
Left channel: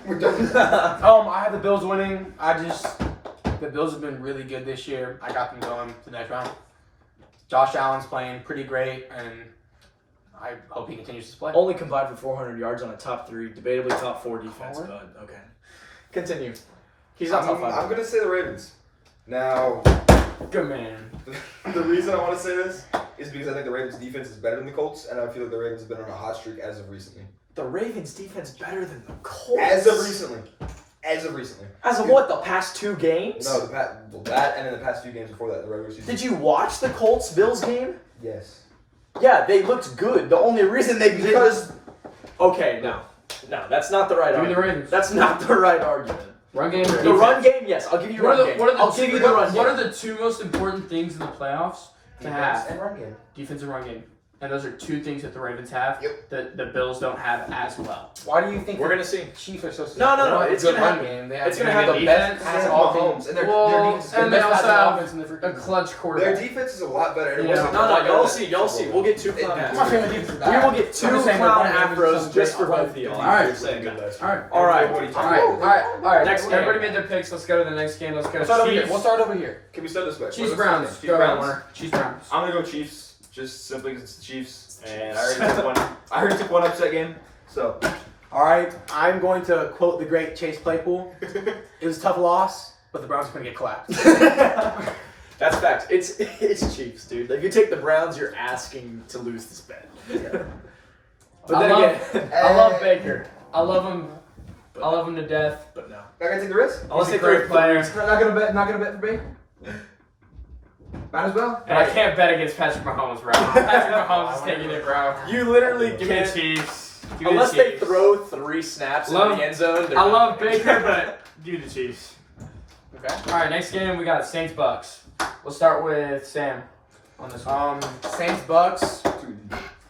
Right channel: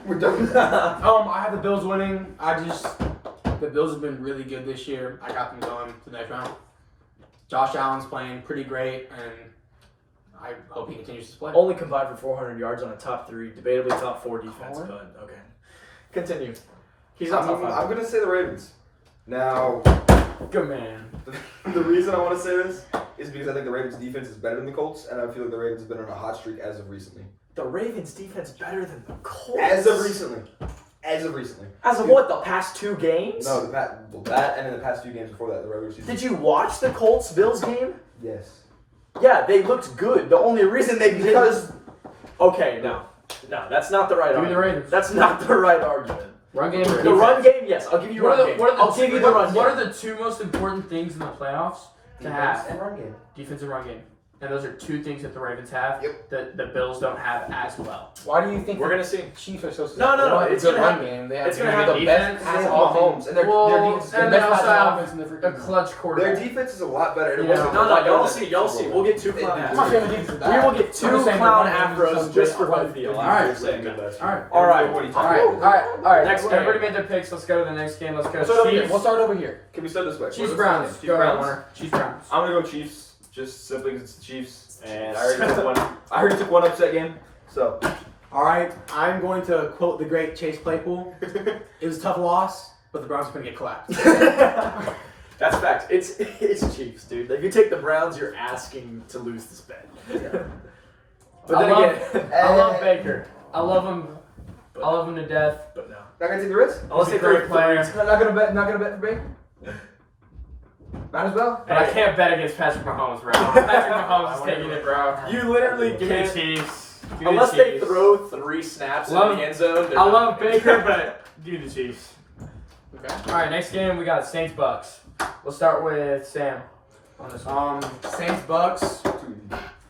We're done with that. I have the Bills winning. The Bills have been really good this year. I got them going to the next round. Josh Allen's playing pretty great, and I hope he continues to play. Only combined for 400 yards on a top 3, debatably top 4 defense, but okay. Continue. He's not top 5. I'm gonna say the Ravens. Now, Good man. the reason I want to say this is because I think the Ravens' defense is better than the Colts, and I feel like the Ravens have been on a hot streak as of recently. The Ravens defense better than the Colts. As of recently. As of recently. As of what, the past 2 games? No, that and in the past few games before that, the regular season. Did you watch the Colts Bills game? Yes. Yeah, they looked good. The only reason they Because Okay, no, that's not the right Give me the argument. Ravens. That's not the right argument. Run game. The run game, yes, I'll give you What run are the, game. what are the, I'll give you the run what game. are the two most important things in the playoffs to have? and run game. Defensive run game. and those are two things that the Ravens have that the Bills don't have as well. Why do you think We're the gonna see. Chiefs are so? No, they don't have a it's good gonna run have- game. They have, it's gonna they have the the best They pass have offense. Mahomes, and their defense, and the they best also pass have offense in the freaking a clutch their quarterback. defense is a lot better. And it Yeah. wasn't No, like y'all that. see. Y'all see. We'll get two clown I'm not saying the afros. defense is We bad. will get I'm two just saying clown the run game is afros so just great. for both of you. All right. Just saying that. All right. All right. What are you All talking right. about? All right. Next game. Everybody made their picks. Let's go to the next game. Let's go. We'll start over here. Chiefs. We'll start over here. Can we start this way? Chiefs What's the Browns. second? Go ahead, Browns? Warner. Chiefs Browns. I'm gonna go Chiefs, just simply because it's the Chiefs, and I already took one upset game. So, All right. I'm going to quote the great Chase Claypool. It was a tough loss, but the Browns are going to get clapped. That's facts. It's Chiefs, dude. Like, if you take the Browns, you're asking to lose this bet. But then again, I love Baker. I love him. I love him to death. but no. not gonna take the risk. Unless He's a they throw great player. threes. Not gonna bet. Not gonna bet for Baker. Might as well. And I can't bet against Patrick Mahomes, bro. Patrick Mahomes is taking it, bro. You literally Give me the can't. Chiefs. Give me the Unless they Chiefs. throw 3 snaps Love- in the end zone. they're I not love gonna- Baker, but give me the Chiefs. Okay. All right, next game we got Saints Bucks. We'll start with Sam on this one. Saints Bucks.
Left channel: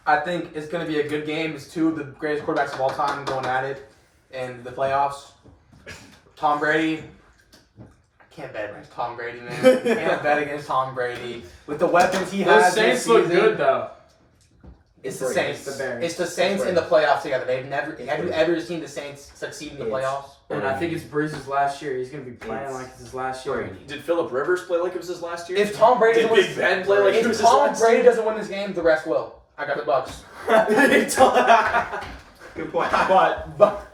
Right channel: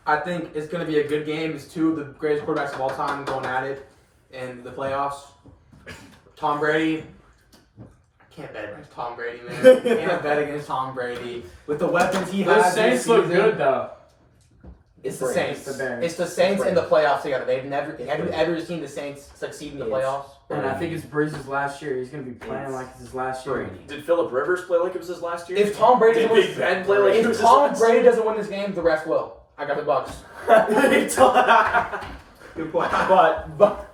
I think it's going to be a good game. It's two of the greatest quarterbacks of all time going at it in the playoffs. Tom Brady. I can't bet against Tom Brady, man. Can't bet against Tom Brady with the weapons he Those has. Saints this look season. good though. It's the Brady. Saints. It's the Bears. It's the Saints in the playoffs together. They've never. Have you ever seen the Saints succeed in the It's playoffs? And I think it's Breeze's last year. He's gonna be playing It's like it's his last year. Brady. Did Phillip Rivers play like it was his last year? If Tom Brady Did doesn't Big Ben play like it if was his Tom last Brady year? doesn't win this game, the rest will. I got the Bucks. Good point. But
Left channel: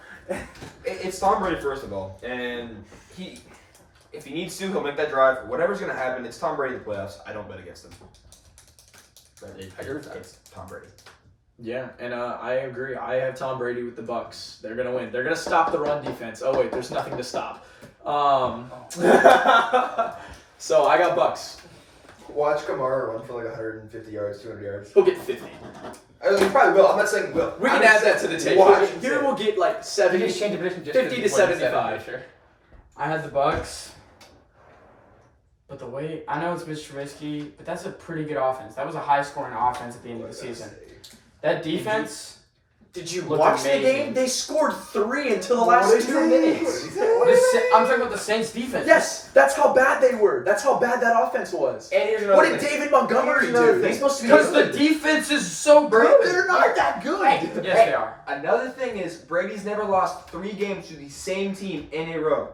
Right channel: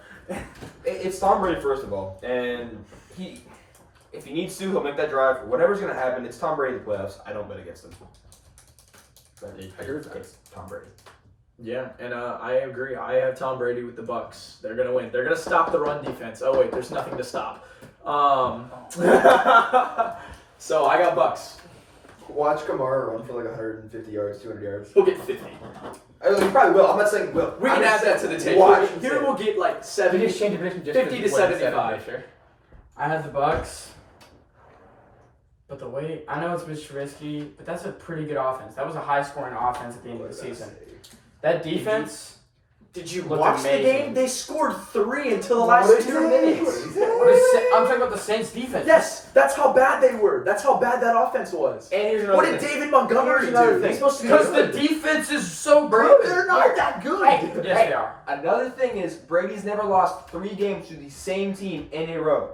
It's Tom Brady first of all, and if he needs to, he'll make that drive. Whatever's gonna happen, it's Tom Brady in the playoffs. I don't bet against him. I agree with that. It's Tom Brady. Yeah, and I agree. I have Tom Brady with the Bucks. They're gonna win. They're gonna stop the run defense. Oh wait, there's nothing to stop. So I got Bucks. Watch Kamara run for like 150 yards, 200 yards. He'll get 50. He probably will. I'm not saying will. We I'm can add just that to saying the table. watch Here him. we'll get like you 70. just change the prediction just 50 to 75. I had the Bucks. But the way I know it's Mitch Trubisky, but that's a pretty good offense. That was a high-scoring offense at the end of the season. That defense. Did you Looked watch the amazing. game? They scored 3 until the last 2 minutes. I'm talking about the Saints defense. Yes, that's how bad they were. That's how bad that offense was. And here's another What did thing. David Montgomery Here's another do? thing. He's supposed to be Because the good. defense is so Bro, good. they're not that good. Hey, Yes, they are. Another thing is Brady's never lost 3 games to the same team in a row.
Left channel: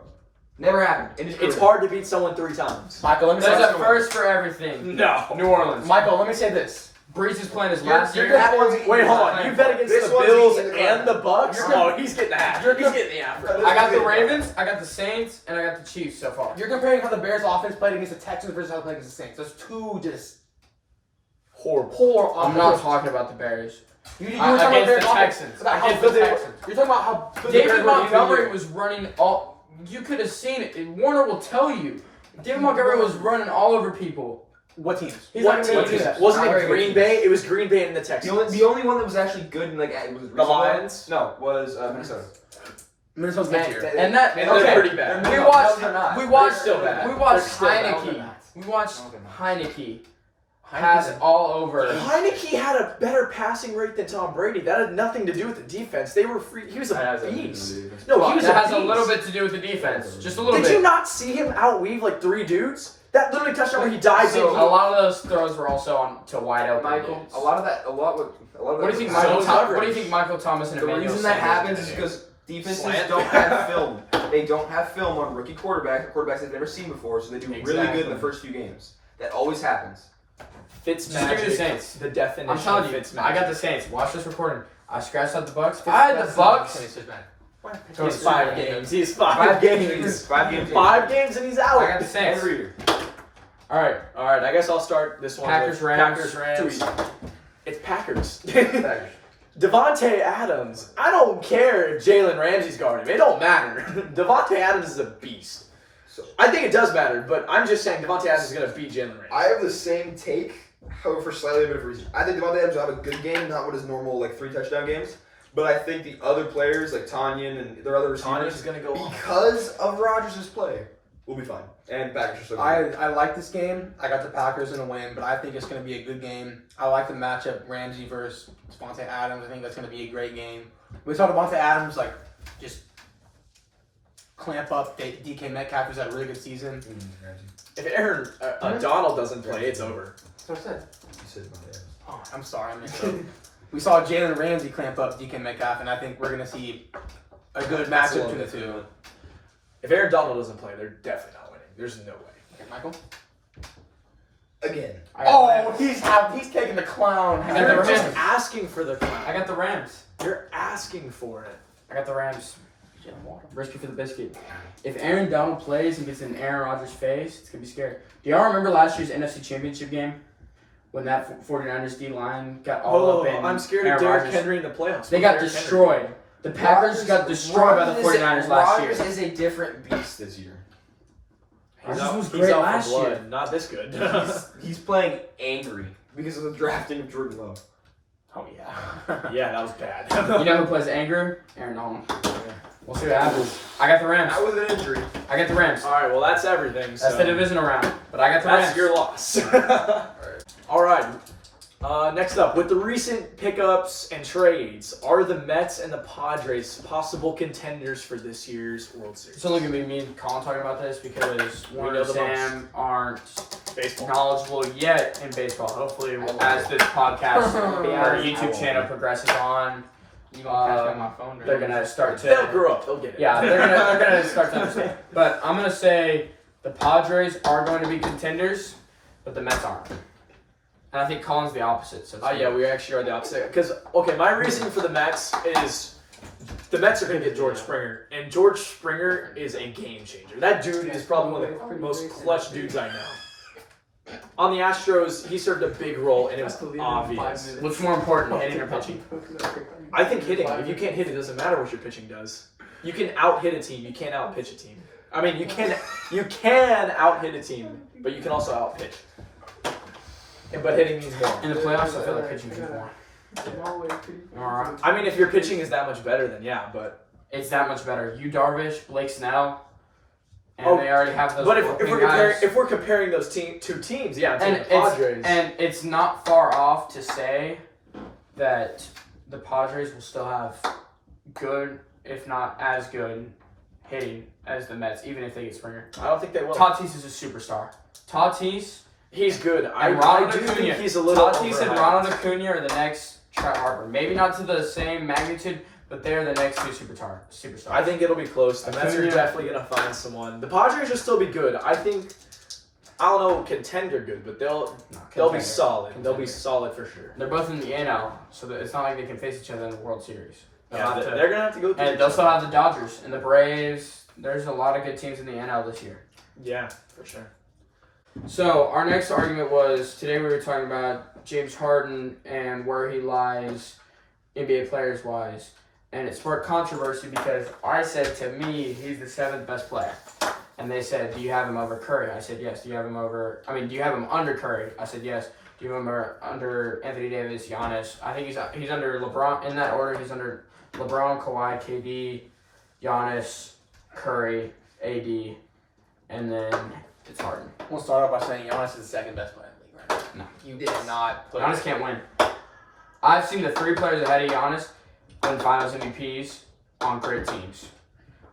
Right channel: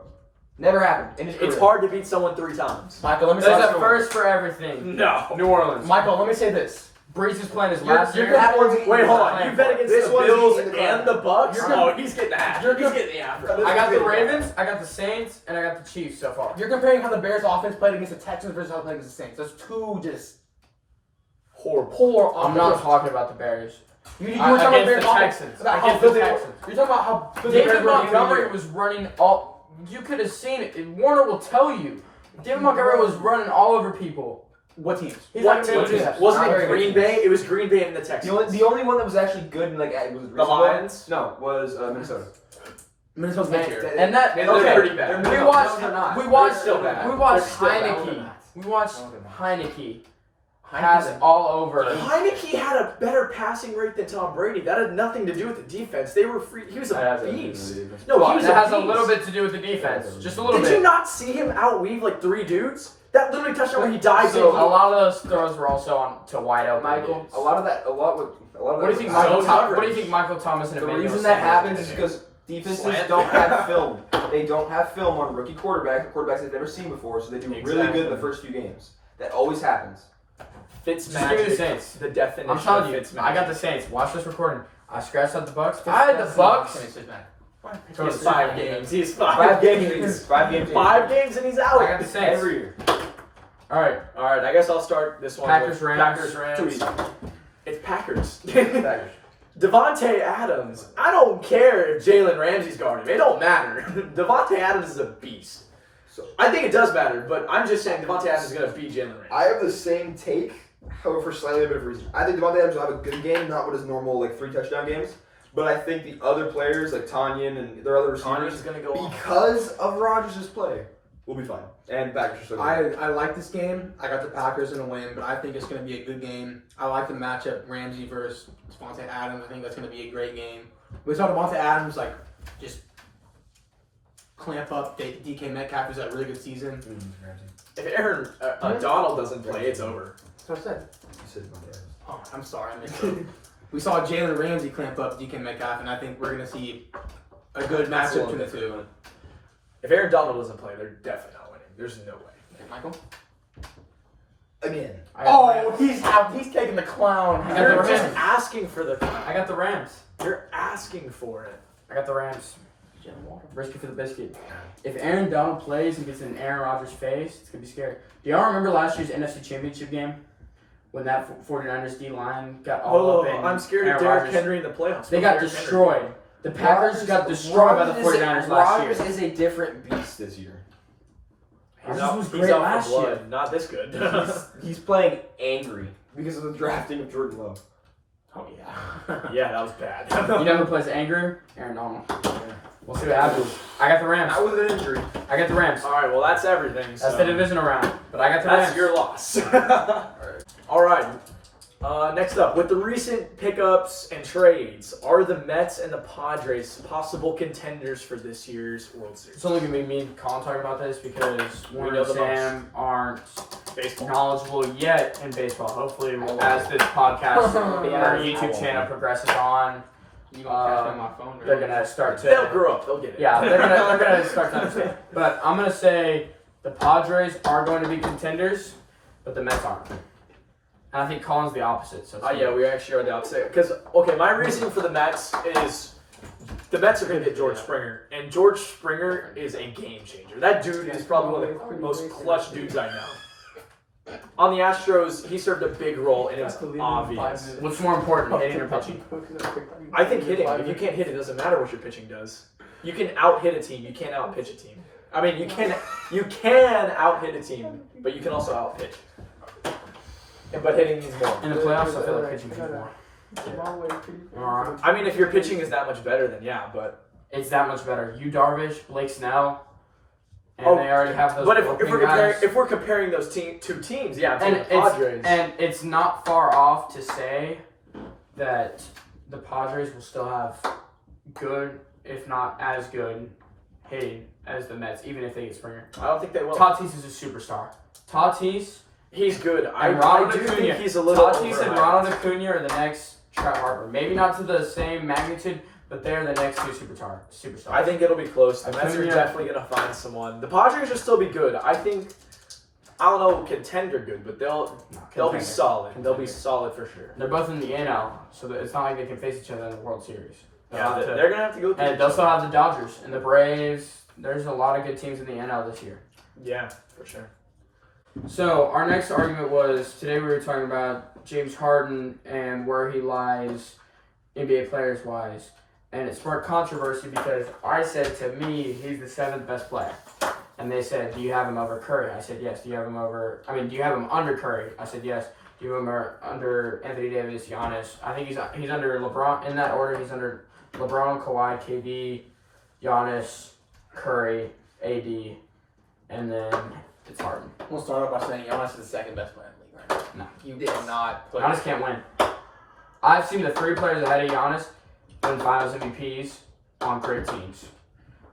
Never happened. In his It's career. hard to beat someone 3 times. Michael, let me say There's a this. first for everything. No. New Orleans. Michael, let me say this. Breeze is playing his You're- last you're year. That one's Wait, hold on. You bet against This the one's Bills eating the and the Bucks? You're No, he's getting the half. You're He's getting the half. I got the Ravens, I got the Saints, and I got the Chiefs so far. You're comparing how the Bears offense played against the Texans versus how they played against the Saints. Those two just Horrible. poor I'm not offenses. talking about the Bears. You were Against talking about the Bears offense. Texans. About how Against good the they were. Texans. You're talking about how good the David Bears were the Montgomery year. was running all. You could have seen it. And Warner will tell you. David Montgomery was running all over people. What teams? He's What not team? gonna do that. Wasn't Not it very good Green teams. Bay? It was Green Bay and the Texans. The only one that was actually good, like was it The Lions? No, was Minnesota. Minnesota's And, mid tier. and that And okay. they're pretty bad. We No, watched. they're not. We watched. They're still bad. We watched They're still bad. No, Heineke. they're not. We watched No, they're not. Heineke. Heineke's Has all over. Heineke had a better passing rate than Tom Brady. That had nothing to do with the defense. They were free. He was That a has everything to beast. do with the defense. No, he was That a has a beast. little bit to do with the defense. Just a little Did bit. you not see him outweave like 3 dudes? That literally touchdown where he dives So, in. A lot of those throws were also on to wide open. Michael, dudes. a lot of that. What do you think? So Michael coverage. What do you think? Michael Thomas and The Emmanuel reason that Sanders happens did? is because defenses Slant. don't have film. They don't have film on rookie quarterbacks they've never seen before, so they do really good in Exactly. the first few games. That always happens. Fitz Just give me the magic. Saints. The definition I'm telling of you, Fitz I got the magic. Saints. Watch this recording. I scratched out the Bucks. I had the Bucks. He has 5 games. He has 5 5 games. games. 5 games. 5 games and he's out. I got the Saints. Every year. All right. All right, I guess I'll start this one. Packers, with Rams. Packers, Too Rams. easy. It's Packers. Packers. Devontae Adams. I don't care if Jalen Ramsey's guarding him. It don't matter. Devontae Adams is a beast. So I think it does matter, but I'm just saying Devontae Adams is going to beat Jalen Ramsey. I have the same take, however, for slightly a bit of reason. I think Devontae Adams will have a good game, not what his normal 3 touchdown games. But I think the other players like Tanyan and their other Tanya's receivers, going to go off. because of Rodgers' play, We'll be fine. And Packers are so good. I like this game. I got the Packers in a win, but I think it's going to be a good game. I like the matchup Ramsey versus Devontae Adams. I think that's going to be a great game. We saw Devontae Adams just clamp up DK Metcalf, who's had a really good season. If Aaron Donald doesn't play, it's over. That's what I said. You said Devontae Adams. Oh, I'm sorry, I missed it. We saw Jalen Ramsey clamp up DK Metcalf, and I think we're going to see a good matchup between the two. If Aaron Donald doesn't play, they're definitely not winning. There's no way. Okay, Michael? Again. Oh, he's taking the clown. I got You're the just Rams. asking for the. I got the Rams. You're asking for it. I got the Rams. Risky for the biscuit. If Aaron Donald plays and gets in Aaron Rodgers' face, it's going to be scary. Do y'all remember last year's NFC Championship game? When that 49ers D-line got all up in I'm scared Aaron of Derrick Rodgers. Henry in the playoffs. They got Derrick Henry. destroyed. The Packers got destroyed by the 49ers last year. Rodgers is a different beast this year. Rodgers was He's great out for last blood. year. Not this good. He's playing angry because of the drafting of Jordan Love. Oh, yeah. Yeah, that was bad. You know who plays angry? Aaron Donald. We'll see what happens. I got the Rams. That was an injury. I got the Rams. All right, well that's everything. That's So. the divisional round. But I got the That's Rams. your loss. All right. Next up, with the recent pickups and trades, are the Mets and the Padres possible contenders for this year's World Series? It's only going to be me and Colin talking about this because Warren know and the Sam aren't Baseball. knowledgeable yet in baseball. Hopefully, as this podcast or YouTube channel progresses on, You gonna catch me on my phone? they're going to start to... They'll grow up. They'll get it. Yeah, they're gonna start to understand. But I'm gonna say the Padres are going to be contenders, but the Mets aren't. And I think Colin's the opposite. So it's Yeah, we actually are the opposite. Because, okay, my reasoning for the Mets is the Mets are going to get George Springer. And George Springer is a game changer. That dude is probably one of the most clutch dudes I know. On the Astros, he served a big role, and it was obvious. What's more important, hitting or pitching? I think hitting. If you can't hit, it doesn't matter what your pitching does. You can out-hit a team. You can't out-pitch a team. I mean, you can out-hit a team, but you can also out-pitch. But hitting means more. In the playoffs, I feel like pitching means more. Alright. I mean, if your pitching is that much better, then yeah, but... It's that much better. You Darvish, Blake Snell, and Oh, they already have those. But if opening we're guys. comparing those two teams, yeah, I'm and saying the Padres. it's not far off to say that the Padres will still have good, if not as good, hitting as the Mets, even if they get Springer. I don't think they will. Tatis is a superstar. Tatis He's good. I and Ronald do Acuna. think he's a little Tatis and overhyped. Ronald Acuna are the next Chet Harper. Maybe not to the same magnitude, but they're the next two superstars. I think it'll be close. The Mets are Acuna. definitely going to find someone. The Padres will still be good. I think, I don't know, contender good, but they'll be Contender. solid. They'll be Contender. solid for sure. They're both in the NL, so that it's not like they can face each other in the World Series. They'll Yeah, have to- they're going to have to go through. and they'll still have the Dodgers and the Braves. There's a lot of good teams in the NL this year. Yeah, for sure. So our next argument was today we were talking about James Harden and where he lies NBA players wise. And it sparked controversy because I said to me he's the 7th best player. And they said, do you have him over Curry? I said yes. Do you have him under Curry? I said yes. Do you have him under Anthony Davis, Giannis? I think he's under LeBron. In that order, he's under LeBron, Kawhi, KD, Giannis, Curry, AD, and then it's Harden. We'll start off by saying Giannis is the second best player in the league right now. No. You did not put Giannis can't win. I've seen the 3 players ahead of Giannis win Finals MVPs on great teams.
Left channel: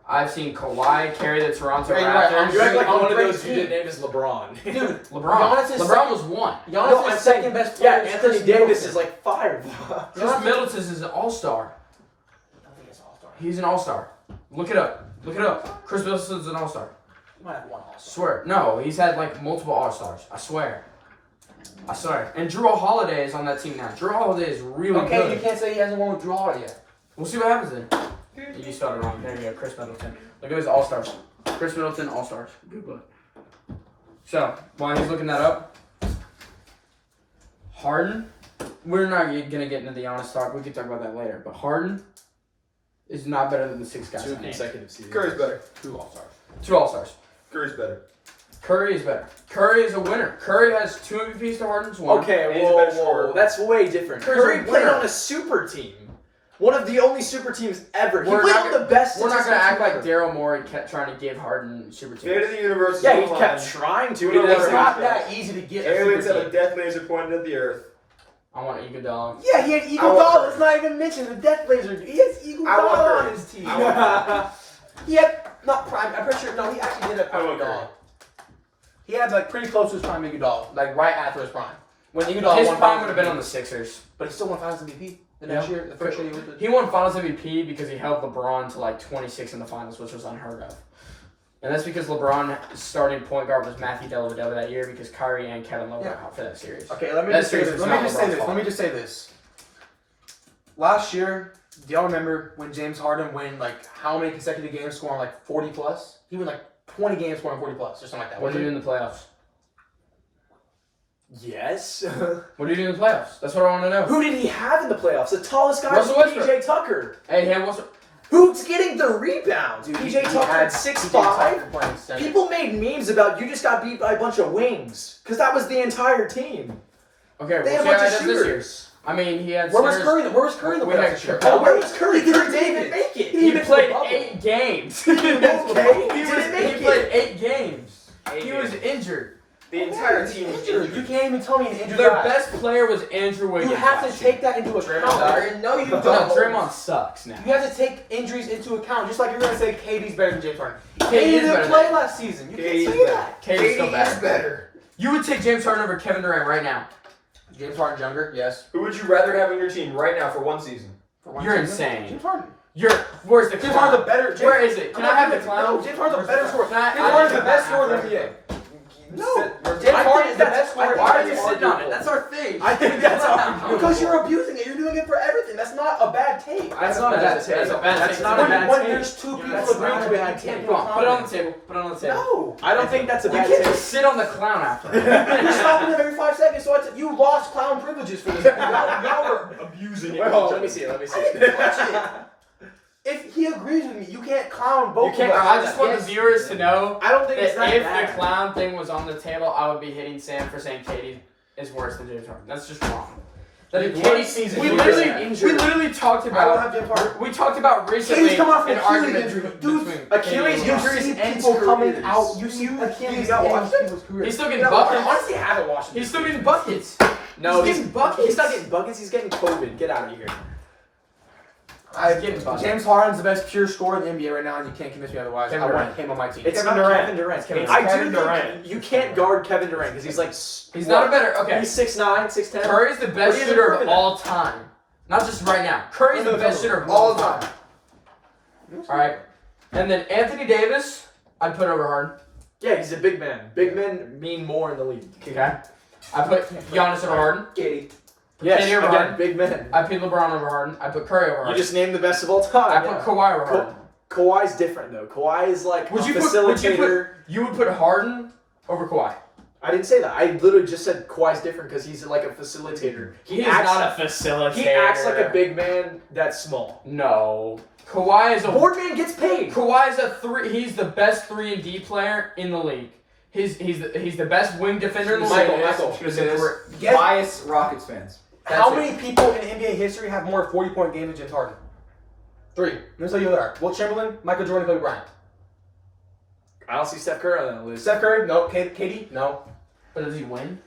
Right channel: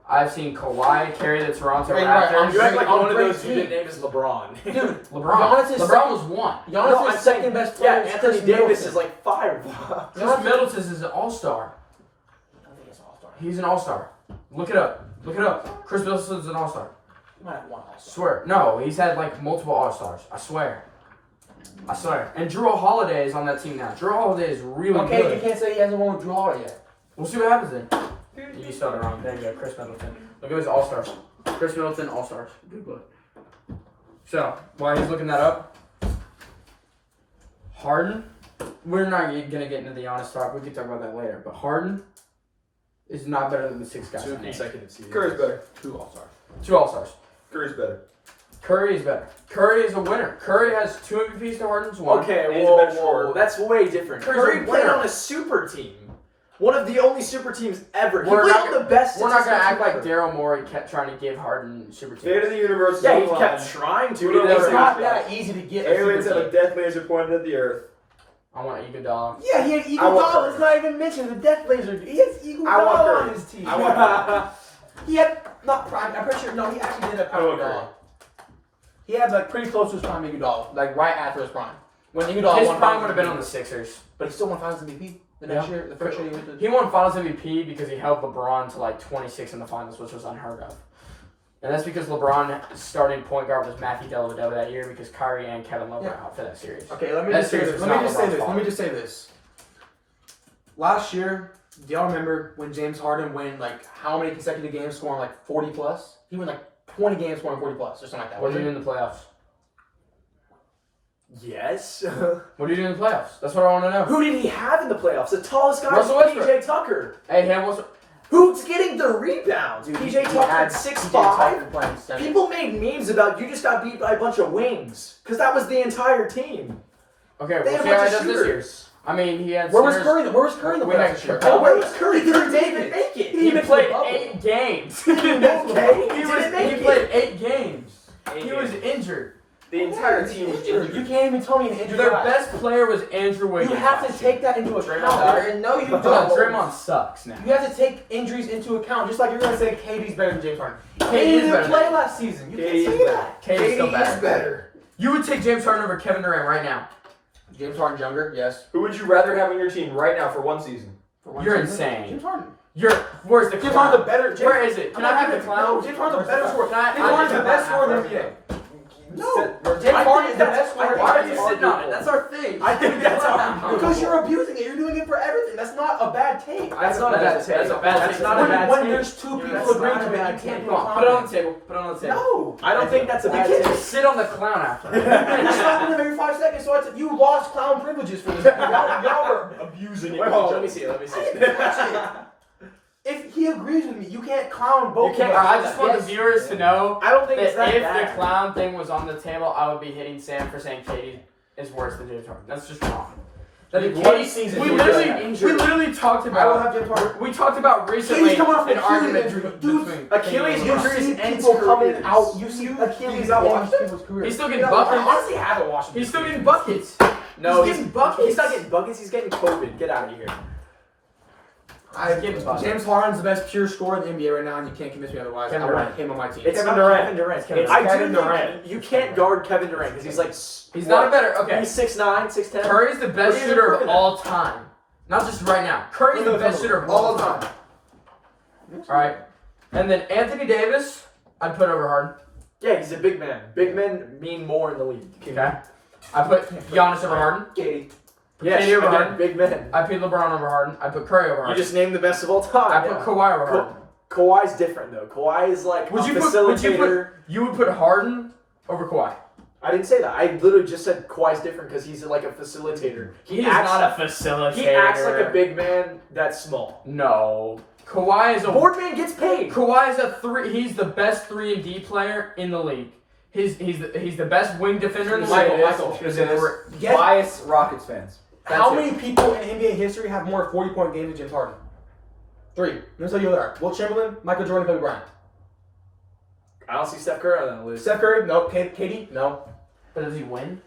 I've seen Kawhi carry the Toronto Yeah, you're right. Raptors. You act like On one of great those you didn't name is LeBron. Dude, LeBron. Giannis is LeBron was 1. Giannis No, is I'm second saying- best Yeah, player. Anthony Chris Davis Middleton. is like 5. Chris Middleton is an all-star. I think it's all-star. He's an all-star. Look it up. Look it up. Chris Middleton's an all-star. You might have one all-star. Swear. No, he's had like multiple all-stars. I swear. And Drew Holiday is on that team now. Drew Holiday is really Okay, good. you can't say he hasn't won with Drew Holiday yet. We'll see what happens then. You spelled it wrong. There you go, Chris Middleton. Look at his all-stars. Chris Middleton, all-stars. Google it. So, while he's looking that up, Harden, we're not going to get into the honest talk. We can talk about that later. But Harden is not better than the 6 guys. 2 I named. consecutive seasons. Curry's better. 2 all-stars. 2 all-stars. Curry's better. Curry is better. Curry is a winner. Curry has 2 MVPs to Harden's 1. Okay, And he's a whoa, better scorer. that's way different. Curry's a Curry played winner. on a super team. One of the only super teams ever. He We're played not on the best. We're not gonna statistics act like ever. Daryl Morey kept trying to give Harden super Fate of teams. the universe. Yeah, is he on the kept line. trying to. We He don't didn't It's wanna ever not reach that easy to get. a Aliens super have a team. death laser pointed at the earth. I want Iguodala. Yeah, he had I Eagle want Dollar. Curry. It's not even mentioned. The Death Laser. He has Eagle I want Dollar Curry. on his team. I want He had not prime. I'm pretty sure. No, he actually did have I prime want Iguodala. He had like pretty close to his prime Iguodala, like right after his prime. When Iguodala His won prime Finals would have been MVP. on the Sixers. But he still won Finals MVP the next year. The first year he went to. He won Finals MVP because he held LeBron to like 26 in the finals, which was unheard of. And that's because LeBron's starting point guard was Matthew Dellavedova that year because Kyrie and Kevin Love were out for that series. Okay, let me That just say series this. was Let me not just say LeBron's this. fault. Let me just say this. Last year, do y'all remember when James Harden won like how many consecutive games scoring like 40 plus? He won like 20 games scoring 40 plus or something like that. What did you do in the playoffs? Yes. What did you do in the playoffs? That's what I want to know. Who did he have in the playoffs? The tallest guy Russell was Westbrook. PJ Tucker. Hey, hey, what's Who's getting the rebounds? Dude, PJ he Tucker had at PJ 6'5". Tucker playing center. People made memes about you just got beat by a bunch of wings because that was the entire team. okay? They We'll had see a how bunch he of does this year. shooters. I mean, he had. Where was centers- Curry? Where was Curry in the We playoffs had this year? Curry. Oh, where was Curry? He Didn't didn't even make it. He even played bubble. 8 games. Okay, he didn't make He it. played 8 games. He was injured. The entire team was injured. You can't even tell me an injured Their guy. best player was Andrew Wiggins. You have to last year. take that into account. Draymond. No, you No, don't. Draymond sucks now. You have to take injuries into account, just like you're gonna say KD's better than James Harden. KD KD is didn't better play than- last season. You KD can't is say better. that. KD's still KD better. is better. You would take James Harden over Kevin Durant right now. James Harden's younger, yes. Who would you rather have on your team right now for one season? For one You're season. insane. James Harden. Where's the James clown? Harden's a better. James, Where is it? Can I have the clown? No, James Harden's a better scorer. Can I- James Harden's the best scorer in the NBA. No, James Harden is the best scorer. Why are you sitting on it? That's our thing. I think that's arguable. Because you're abusing it. You're doing it for everything. That's not a bad take. That's not a bad take. That's a bad That's take. not a When, bad when take. there's two people That's agreeing not to a it, bad you can't take. do Come on, put it on the table. Put it on the table. No. I don't think that's a You bad can't take. Just sit on the clown after. You stop him every 5 seconds, so you lost clown privileges for this. Y'all were Abusing it. Wait, hold on. Let me see it. Let me see I it. didn't watch it. If he agrees with me, you can't clown both You can't- of us. I just want the viewers to know I don't think it's that that if bad. the clown thing was on the table, I would be hitting Sam for saying Katie is worse than James Harden. That's just wrong. That Dude, if one Katie, season we he was literally, injured. we literally talked I don't about. have James Harden. We talked about recently Katie's coming off an an Achilles argument injury. Dude, between Achilles Katie and injury- LeBron. see ends people coming careers. out. You see Achilles He's not ends watching. people's careers. He's still You getting know, I buckets. honestly haven't watched it. He's still getting buckets. No, He's getting buckets. He's not getting buckets. He's getting COVID. Get out of here. He's getting buckets. James Harden's the best pure scorer in the NBA right now, and you can't convince me otherwise. Kevin I want Durant. him on my team. It's Kevin not Durant. Kevin Durant. Kevin I Durant. do Kevin think you can't guard Kevin Durant because he's like. He's not a better. Okay. He's 6'9", 6'10". Curry's the What best are you shooter of improving at? all time. Not just right now. Curry's the best shooter of all time. Alright. And then Anthony Davis, I'd put over Harden. Yeah, he's a big man. Big men mean more in the league. Okay. I put Giannis over Harden. Katie. Yes, Katie over again, Harden. big men. I put LeBron over Harden. I put Curry over You Harden. just named the best of all time. I put Kawhi over Harden. Kawhi's different though. Kawhi is like Would a you put- facilitator. You would put Harden over Kawhi. I didn't say that. I literally just said Kawhi's different because he's like a facilitator. He is not a facilitator. He acts like a big man that's small. No. Kawhi is a Boardman gets paid. Kawhi is a 3. He's the best 3-and-D player in the league. He's the best wing defender in the league. Michael, Guess Bias Rockets fans. how That's many people in NBA history have more 40-point games than James Harden? 3. Let me tell you who they are. Wilt Chamberlain, Michael Jordan, Kobe Bryant. I don't see Steph Curry on that list. Steph Curry, no. KD, no. But does he win?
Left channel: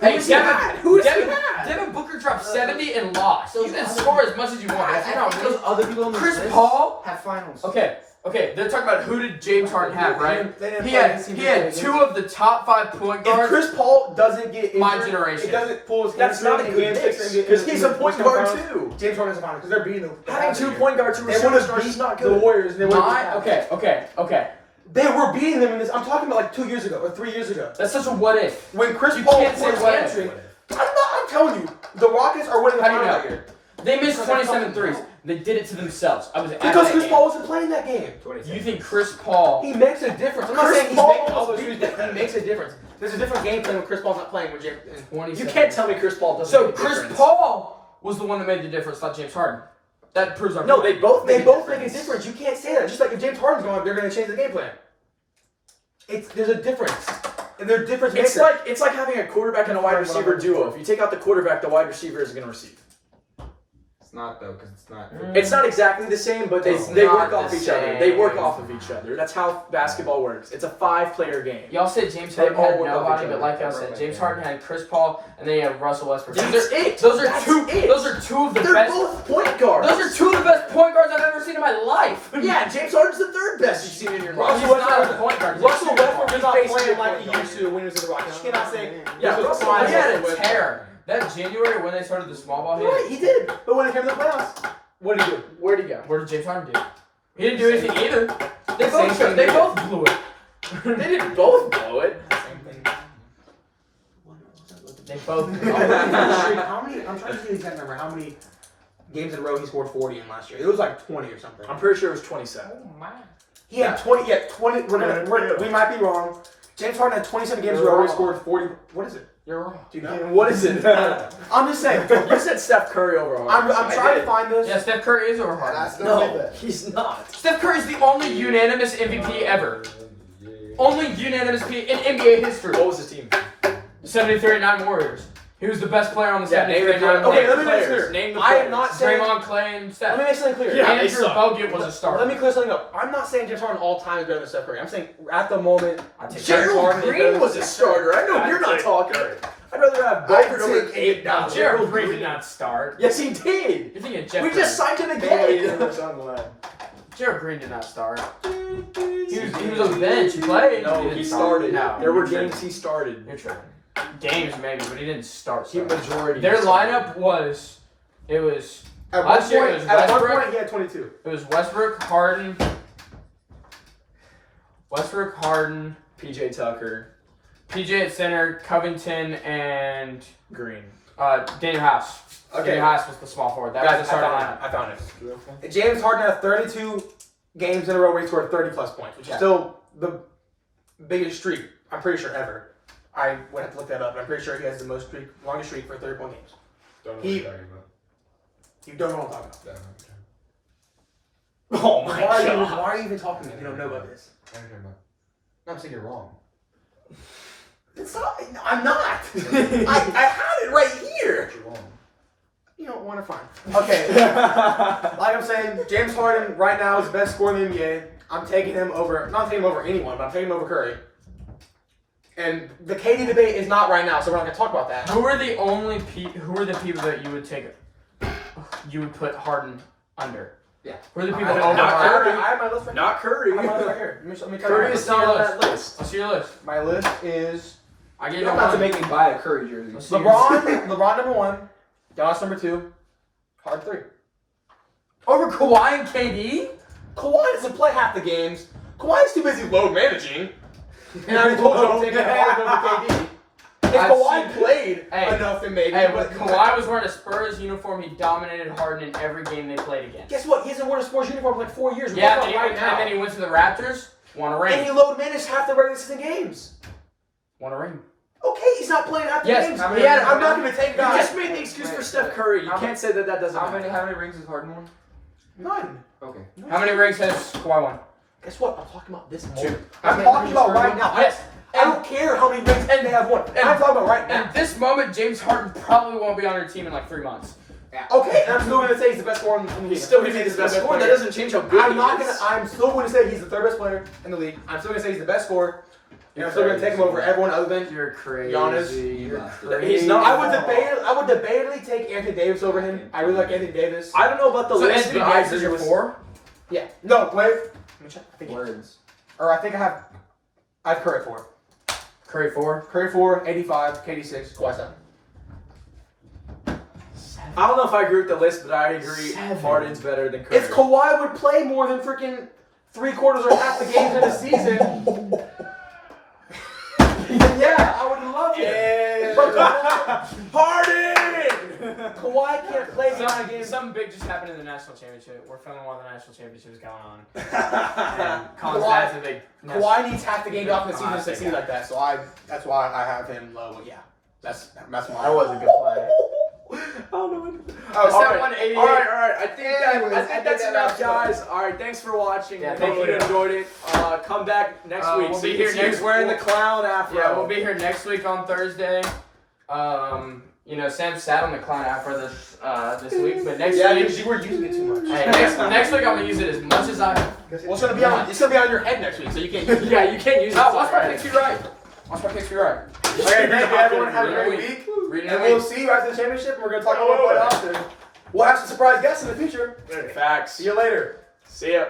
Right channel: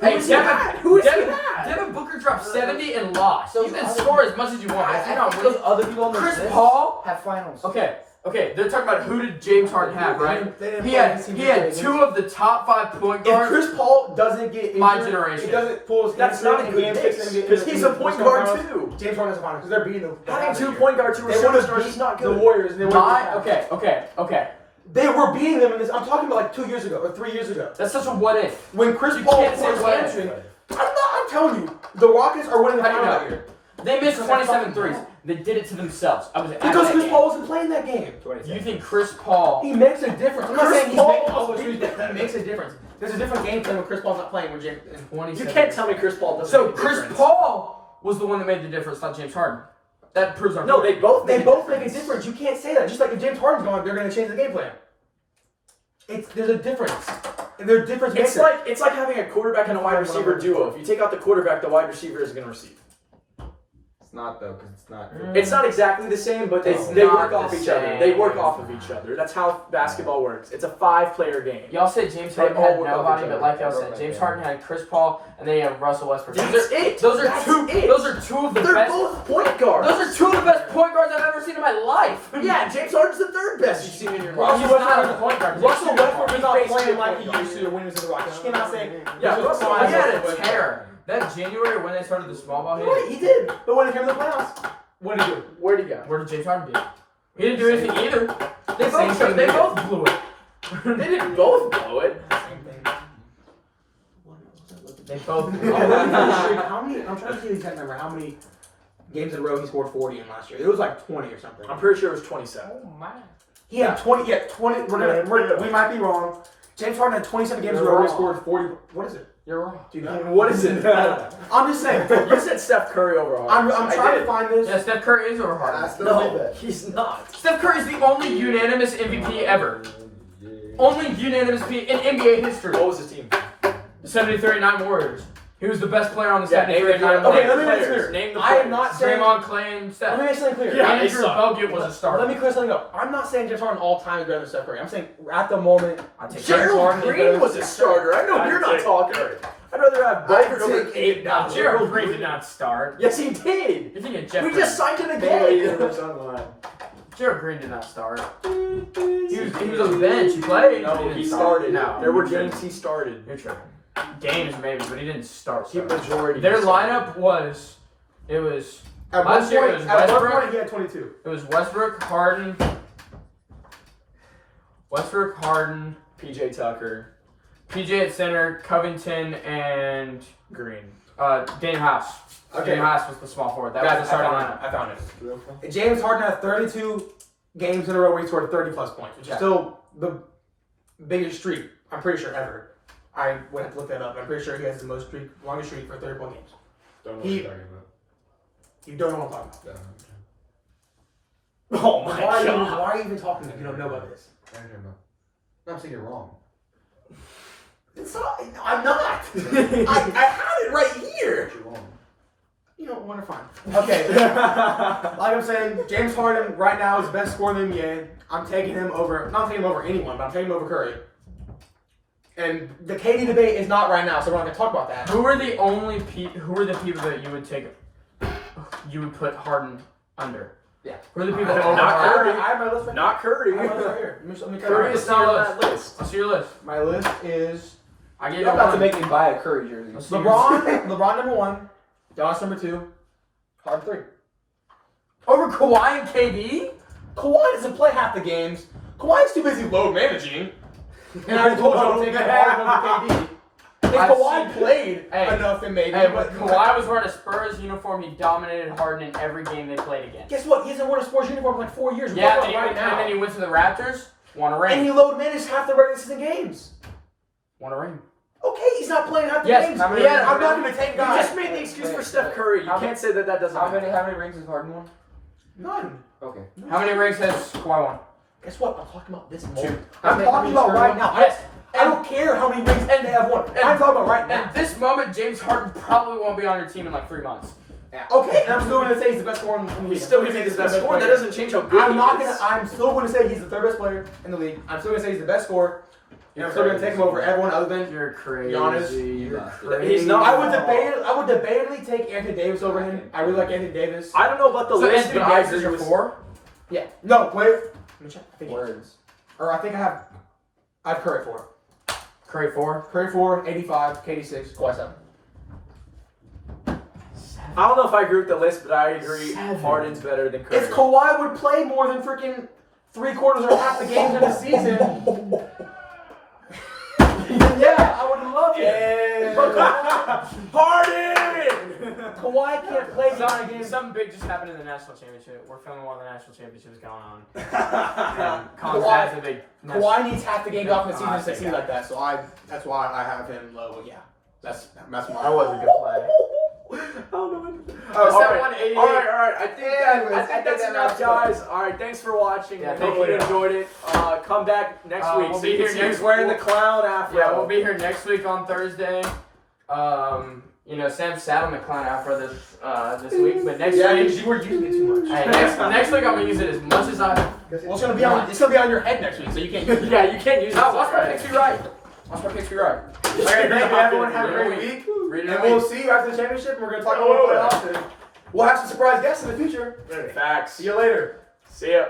Who is he bad? Who is he bad? Devin Booker dropped 70 and lost. Those You can other- score as much as you want. I That's don't not think winning. those other people on this Chris list Paul. have finals. Okay. They're talking about who did James Harden have, right? They didn't He play had against teams he that had they 2 of the top 5 point If guards. Chris Paul doesn't get injured, My generation. it doesn't pull his That's not a hamstring, good he mix takes him because in he's the a point Western guard Finals. too. James Harden's a final because they're beating the Having 2 point guards who are They would have superstars is not the good. Warriors. And they My okay. They were beating them in this. I'm talking about like 2 years ago or 3 years ago. That's such a what if. When Chris You Paul can't say pulled his what if. hamstring, I'm telling you, the Rockets are winning the How do you final know? that year. They missed Because 27 they threes. They did it to themselves. I was at Because that Chris game. Paul wasn't playing that game. You think Chris Paul? He makes a difference. I'm not Chris saying he's Paul making all those was- huge difference. He makes a difference. There's a different game plan when Chris Paul's not playing. When James, 27. You can't tell me Chris Paul doesn't So make a Chris difference. Paul was the one that made the difference, not James Harden. That proves our No, point. they both they both make a difference. You can't say that. Just like if James Harden's going, they're going to change the game plan. There's a difference. And they're difference It's makers. like having a quarterback and a wide receiver duo. If you take out the quarterback, the wide receiver isn't going to receive. It's not though, because it's not. It's not exactly the same, but they It's work not off the each other. same. They work off of each other. That's how basketball works. It's a 5-player game. Y'all said James They Harden all had work off nobody, each but other. like y'all said, James Harden had Chris Paul, and then you have Russell Westbrook. That's Those are it. Those are That's two. it. Those are two of the They're best. both point guards. Those are two of the best point guards I've ever seen in my life. Yeah, James Harden's the third best you've seen in your life. He's not a point guard. He's a Russell shooting Westbrook guard. is not basically playing a like point he guard. used to when he was in the Rockets. You cannot say. Yeah, this was Russell Kawhi He had Leonard a Westbrook. tear. That January when they started the small ball Right, hit. he did. But when it came to the playoffs, What did he do? Where'd he go? Where did James Harden do? He didn't do anything either. They Same both. thing They he did. both blew it. They didn't both blow it. same thing. They both. Blew How many? I'm trying to see the exact number. How many games in a row he scored 40 in last year? It was like 20 or something. I'm pretty sure it was 27. Oh my. He had 20. Yeah, 20. We might be wrong. James Harden had 27 games in a row. He scored 40. What is it? You're wrong. Dude, What is it? I'm just saying. You said Steph Curry over Harden. I'm trying to find this. Yeah, Steph Curry is over Harden. No, he's not. Steph Curry is the only unanimous MVP ever. Only unanimous in NBA history. What was his team? The 70-39 Warriors. He was the best player on the Yeah, name the 70-39 Okay, let me players. make it clear. Name the I am players. not saying. Draymond, Clay, and Let Steph. me make something clear. Yeah, they Andrew suck. Bogut was a starter. Let me clear something up. I'm not saying James Harden all time is better than Steph Curry. I'm saying at the moment, I take James Gerald Harden is better Green than was a starter. I know you're not talking. I'd rather have Bogut over 8 now. Gerald Green did not start. Yes, he did. You're thinking Jeff We just Green. signed him again. Gerald Green did not start. He was on the bench. He played. No, didn't he start. started. No, There were you're games he started. You're tripping. Games maybe, but he didn't start. He majority. Their lineup was. It was. at one Last year point, it was at one Westbrook. point he had 22. It was Westbrook, Harden. Westbrook, Harden, PJ Tucker, PJ at center, Covington, and Green. Daniel House. Okay. Daniel House was the small forward. That Guys, was the starting I lineup. found it. James Harden had 32 games in a row where he scored 30 plus points, which is still the biggest streak, I'm pretty sure, ever. I would have to look that up. I'm pretty sure he has the longest streak for 30-point games. Don't know He- what you're talking about. You don't know what I'm talking Don't know about. Oh my god. Why are you even talking to me if you don't know about this? what you're talking about. No, I'm saying you're wrong. It's not, I'm not. I have it right here. You're wrong. You don't want to find. Okay. Like I'm saying, James Harden right now is the best scorer in the NBA. I'm taking him over, not taking him over anyone, but I'm taking him over Curry. And the KD debate is not right now, so we're not going to talk about that. Who are the people that you would take? You would put Harden under. Yeah. Who are the people I over not Harden? Curry. I have my list right Not Curry. I have my list right here. Let me tell Curry you. is not on that list. Let's see your list. My list is I gave You're you about to one. make me buy a Curry jersey. Let's see LeBron number 1, Giannis number 2, Harden 3. Over Kawhi and KD. Kawhi doesn't play half the games. Kawhi's too busy load managing. And I already told you I'm taking Harden over KD. If I've Kawhi seen- played Hey. enough, then maybe. Hey, but when Kawhi was wearing a Spurs uniform, he dominated Harden in every game they played against. Guess what? He hasn't worn a sports uniform in like 4 years. We're Yeah, talking and, about right now. and then he went to the Raptors, won a And he ring. load managed half the regular season games. Won a ring. Okay, he's not playing half the Yes, games. how many Yeah, rings- I'm not going to take You guys. just made the excuse for Steph Curry. You can't say that doesn't How matter. many rings has Harden won? None. Okay. How many rings has Kawhi won? Guess what? I'm talking about this moment. 2. I'm talking about right now. Yes. I don't care how many rings they have won. I'm talking about right now. At this moment, James Harden probably won't be on your team in like 3 months. Okay, and I'm still going to say he's the best scorer in the league. He's still going to be the best scorer. That doesn't change how good I'm he not is. gonna. I'm still going to say he's the third best player in the league. I'm still going to say he's the best scorer. And I'm still going to take him over everyone other than. You're crazy. Giannis. You're He's not- I would debatably take Anthony Davis over him. I really like Anthony Davis. I don't know about the So list. Anthony but I Davis is agree your with 4? Yeah. No, wait. Let me check. I think- Words. Or I think I have Curry 4. Curry 4. Curry 4, 85, KD 6, Kawhi 7. I don't know if I agree with the list, but I agree 7. Harden's better than Curry. If Kawhi would play more than freaking 3/4 or half the games in the season, yeah, I would love it. But Kawhi can't play nine games. Something big just happened in the national championship. We're filming while the national championship is going on. And Collins Kawhi- has a big. Kawhi needs half the games off in the season to I think succeed like that, so that's why I have him low. But yeah, that's my. That was a good play. I don't know. Oh, All right. 188. All right. I think, Anyways, I think that's I think enough, that guys. All right, thanks for watching. Yeah, Hope thank you you. enjoyed it. Come back next week. We'll so be you here can see next who's wearing week. the clown afro. Yeah, we'll be here next week on Thursday. You know, Sam sat on the clown afro this week, but next Yeah, week, because you were using it too much. hey, next week I'm gonna use it as much as I. Well, it's gonna be on your head next week, so you can't use it. Yeah, you can't use it. Watch my picks be right. Watch my picks be right. Okay, thank you everyone. Have a great week. And we'll see you after the championship. And we're gonna talk about what else. We'll have some surprise guests in the future. Facts. See you later. See ya.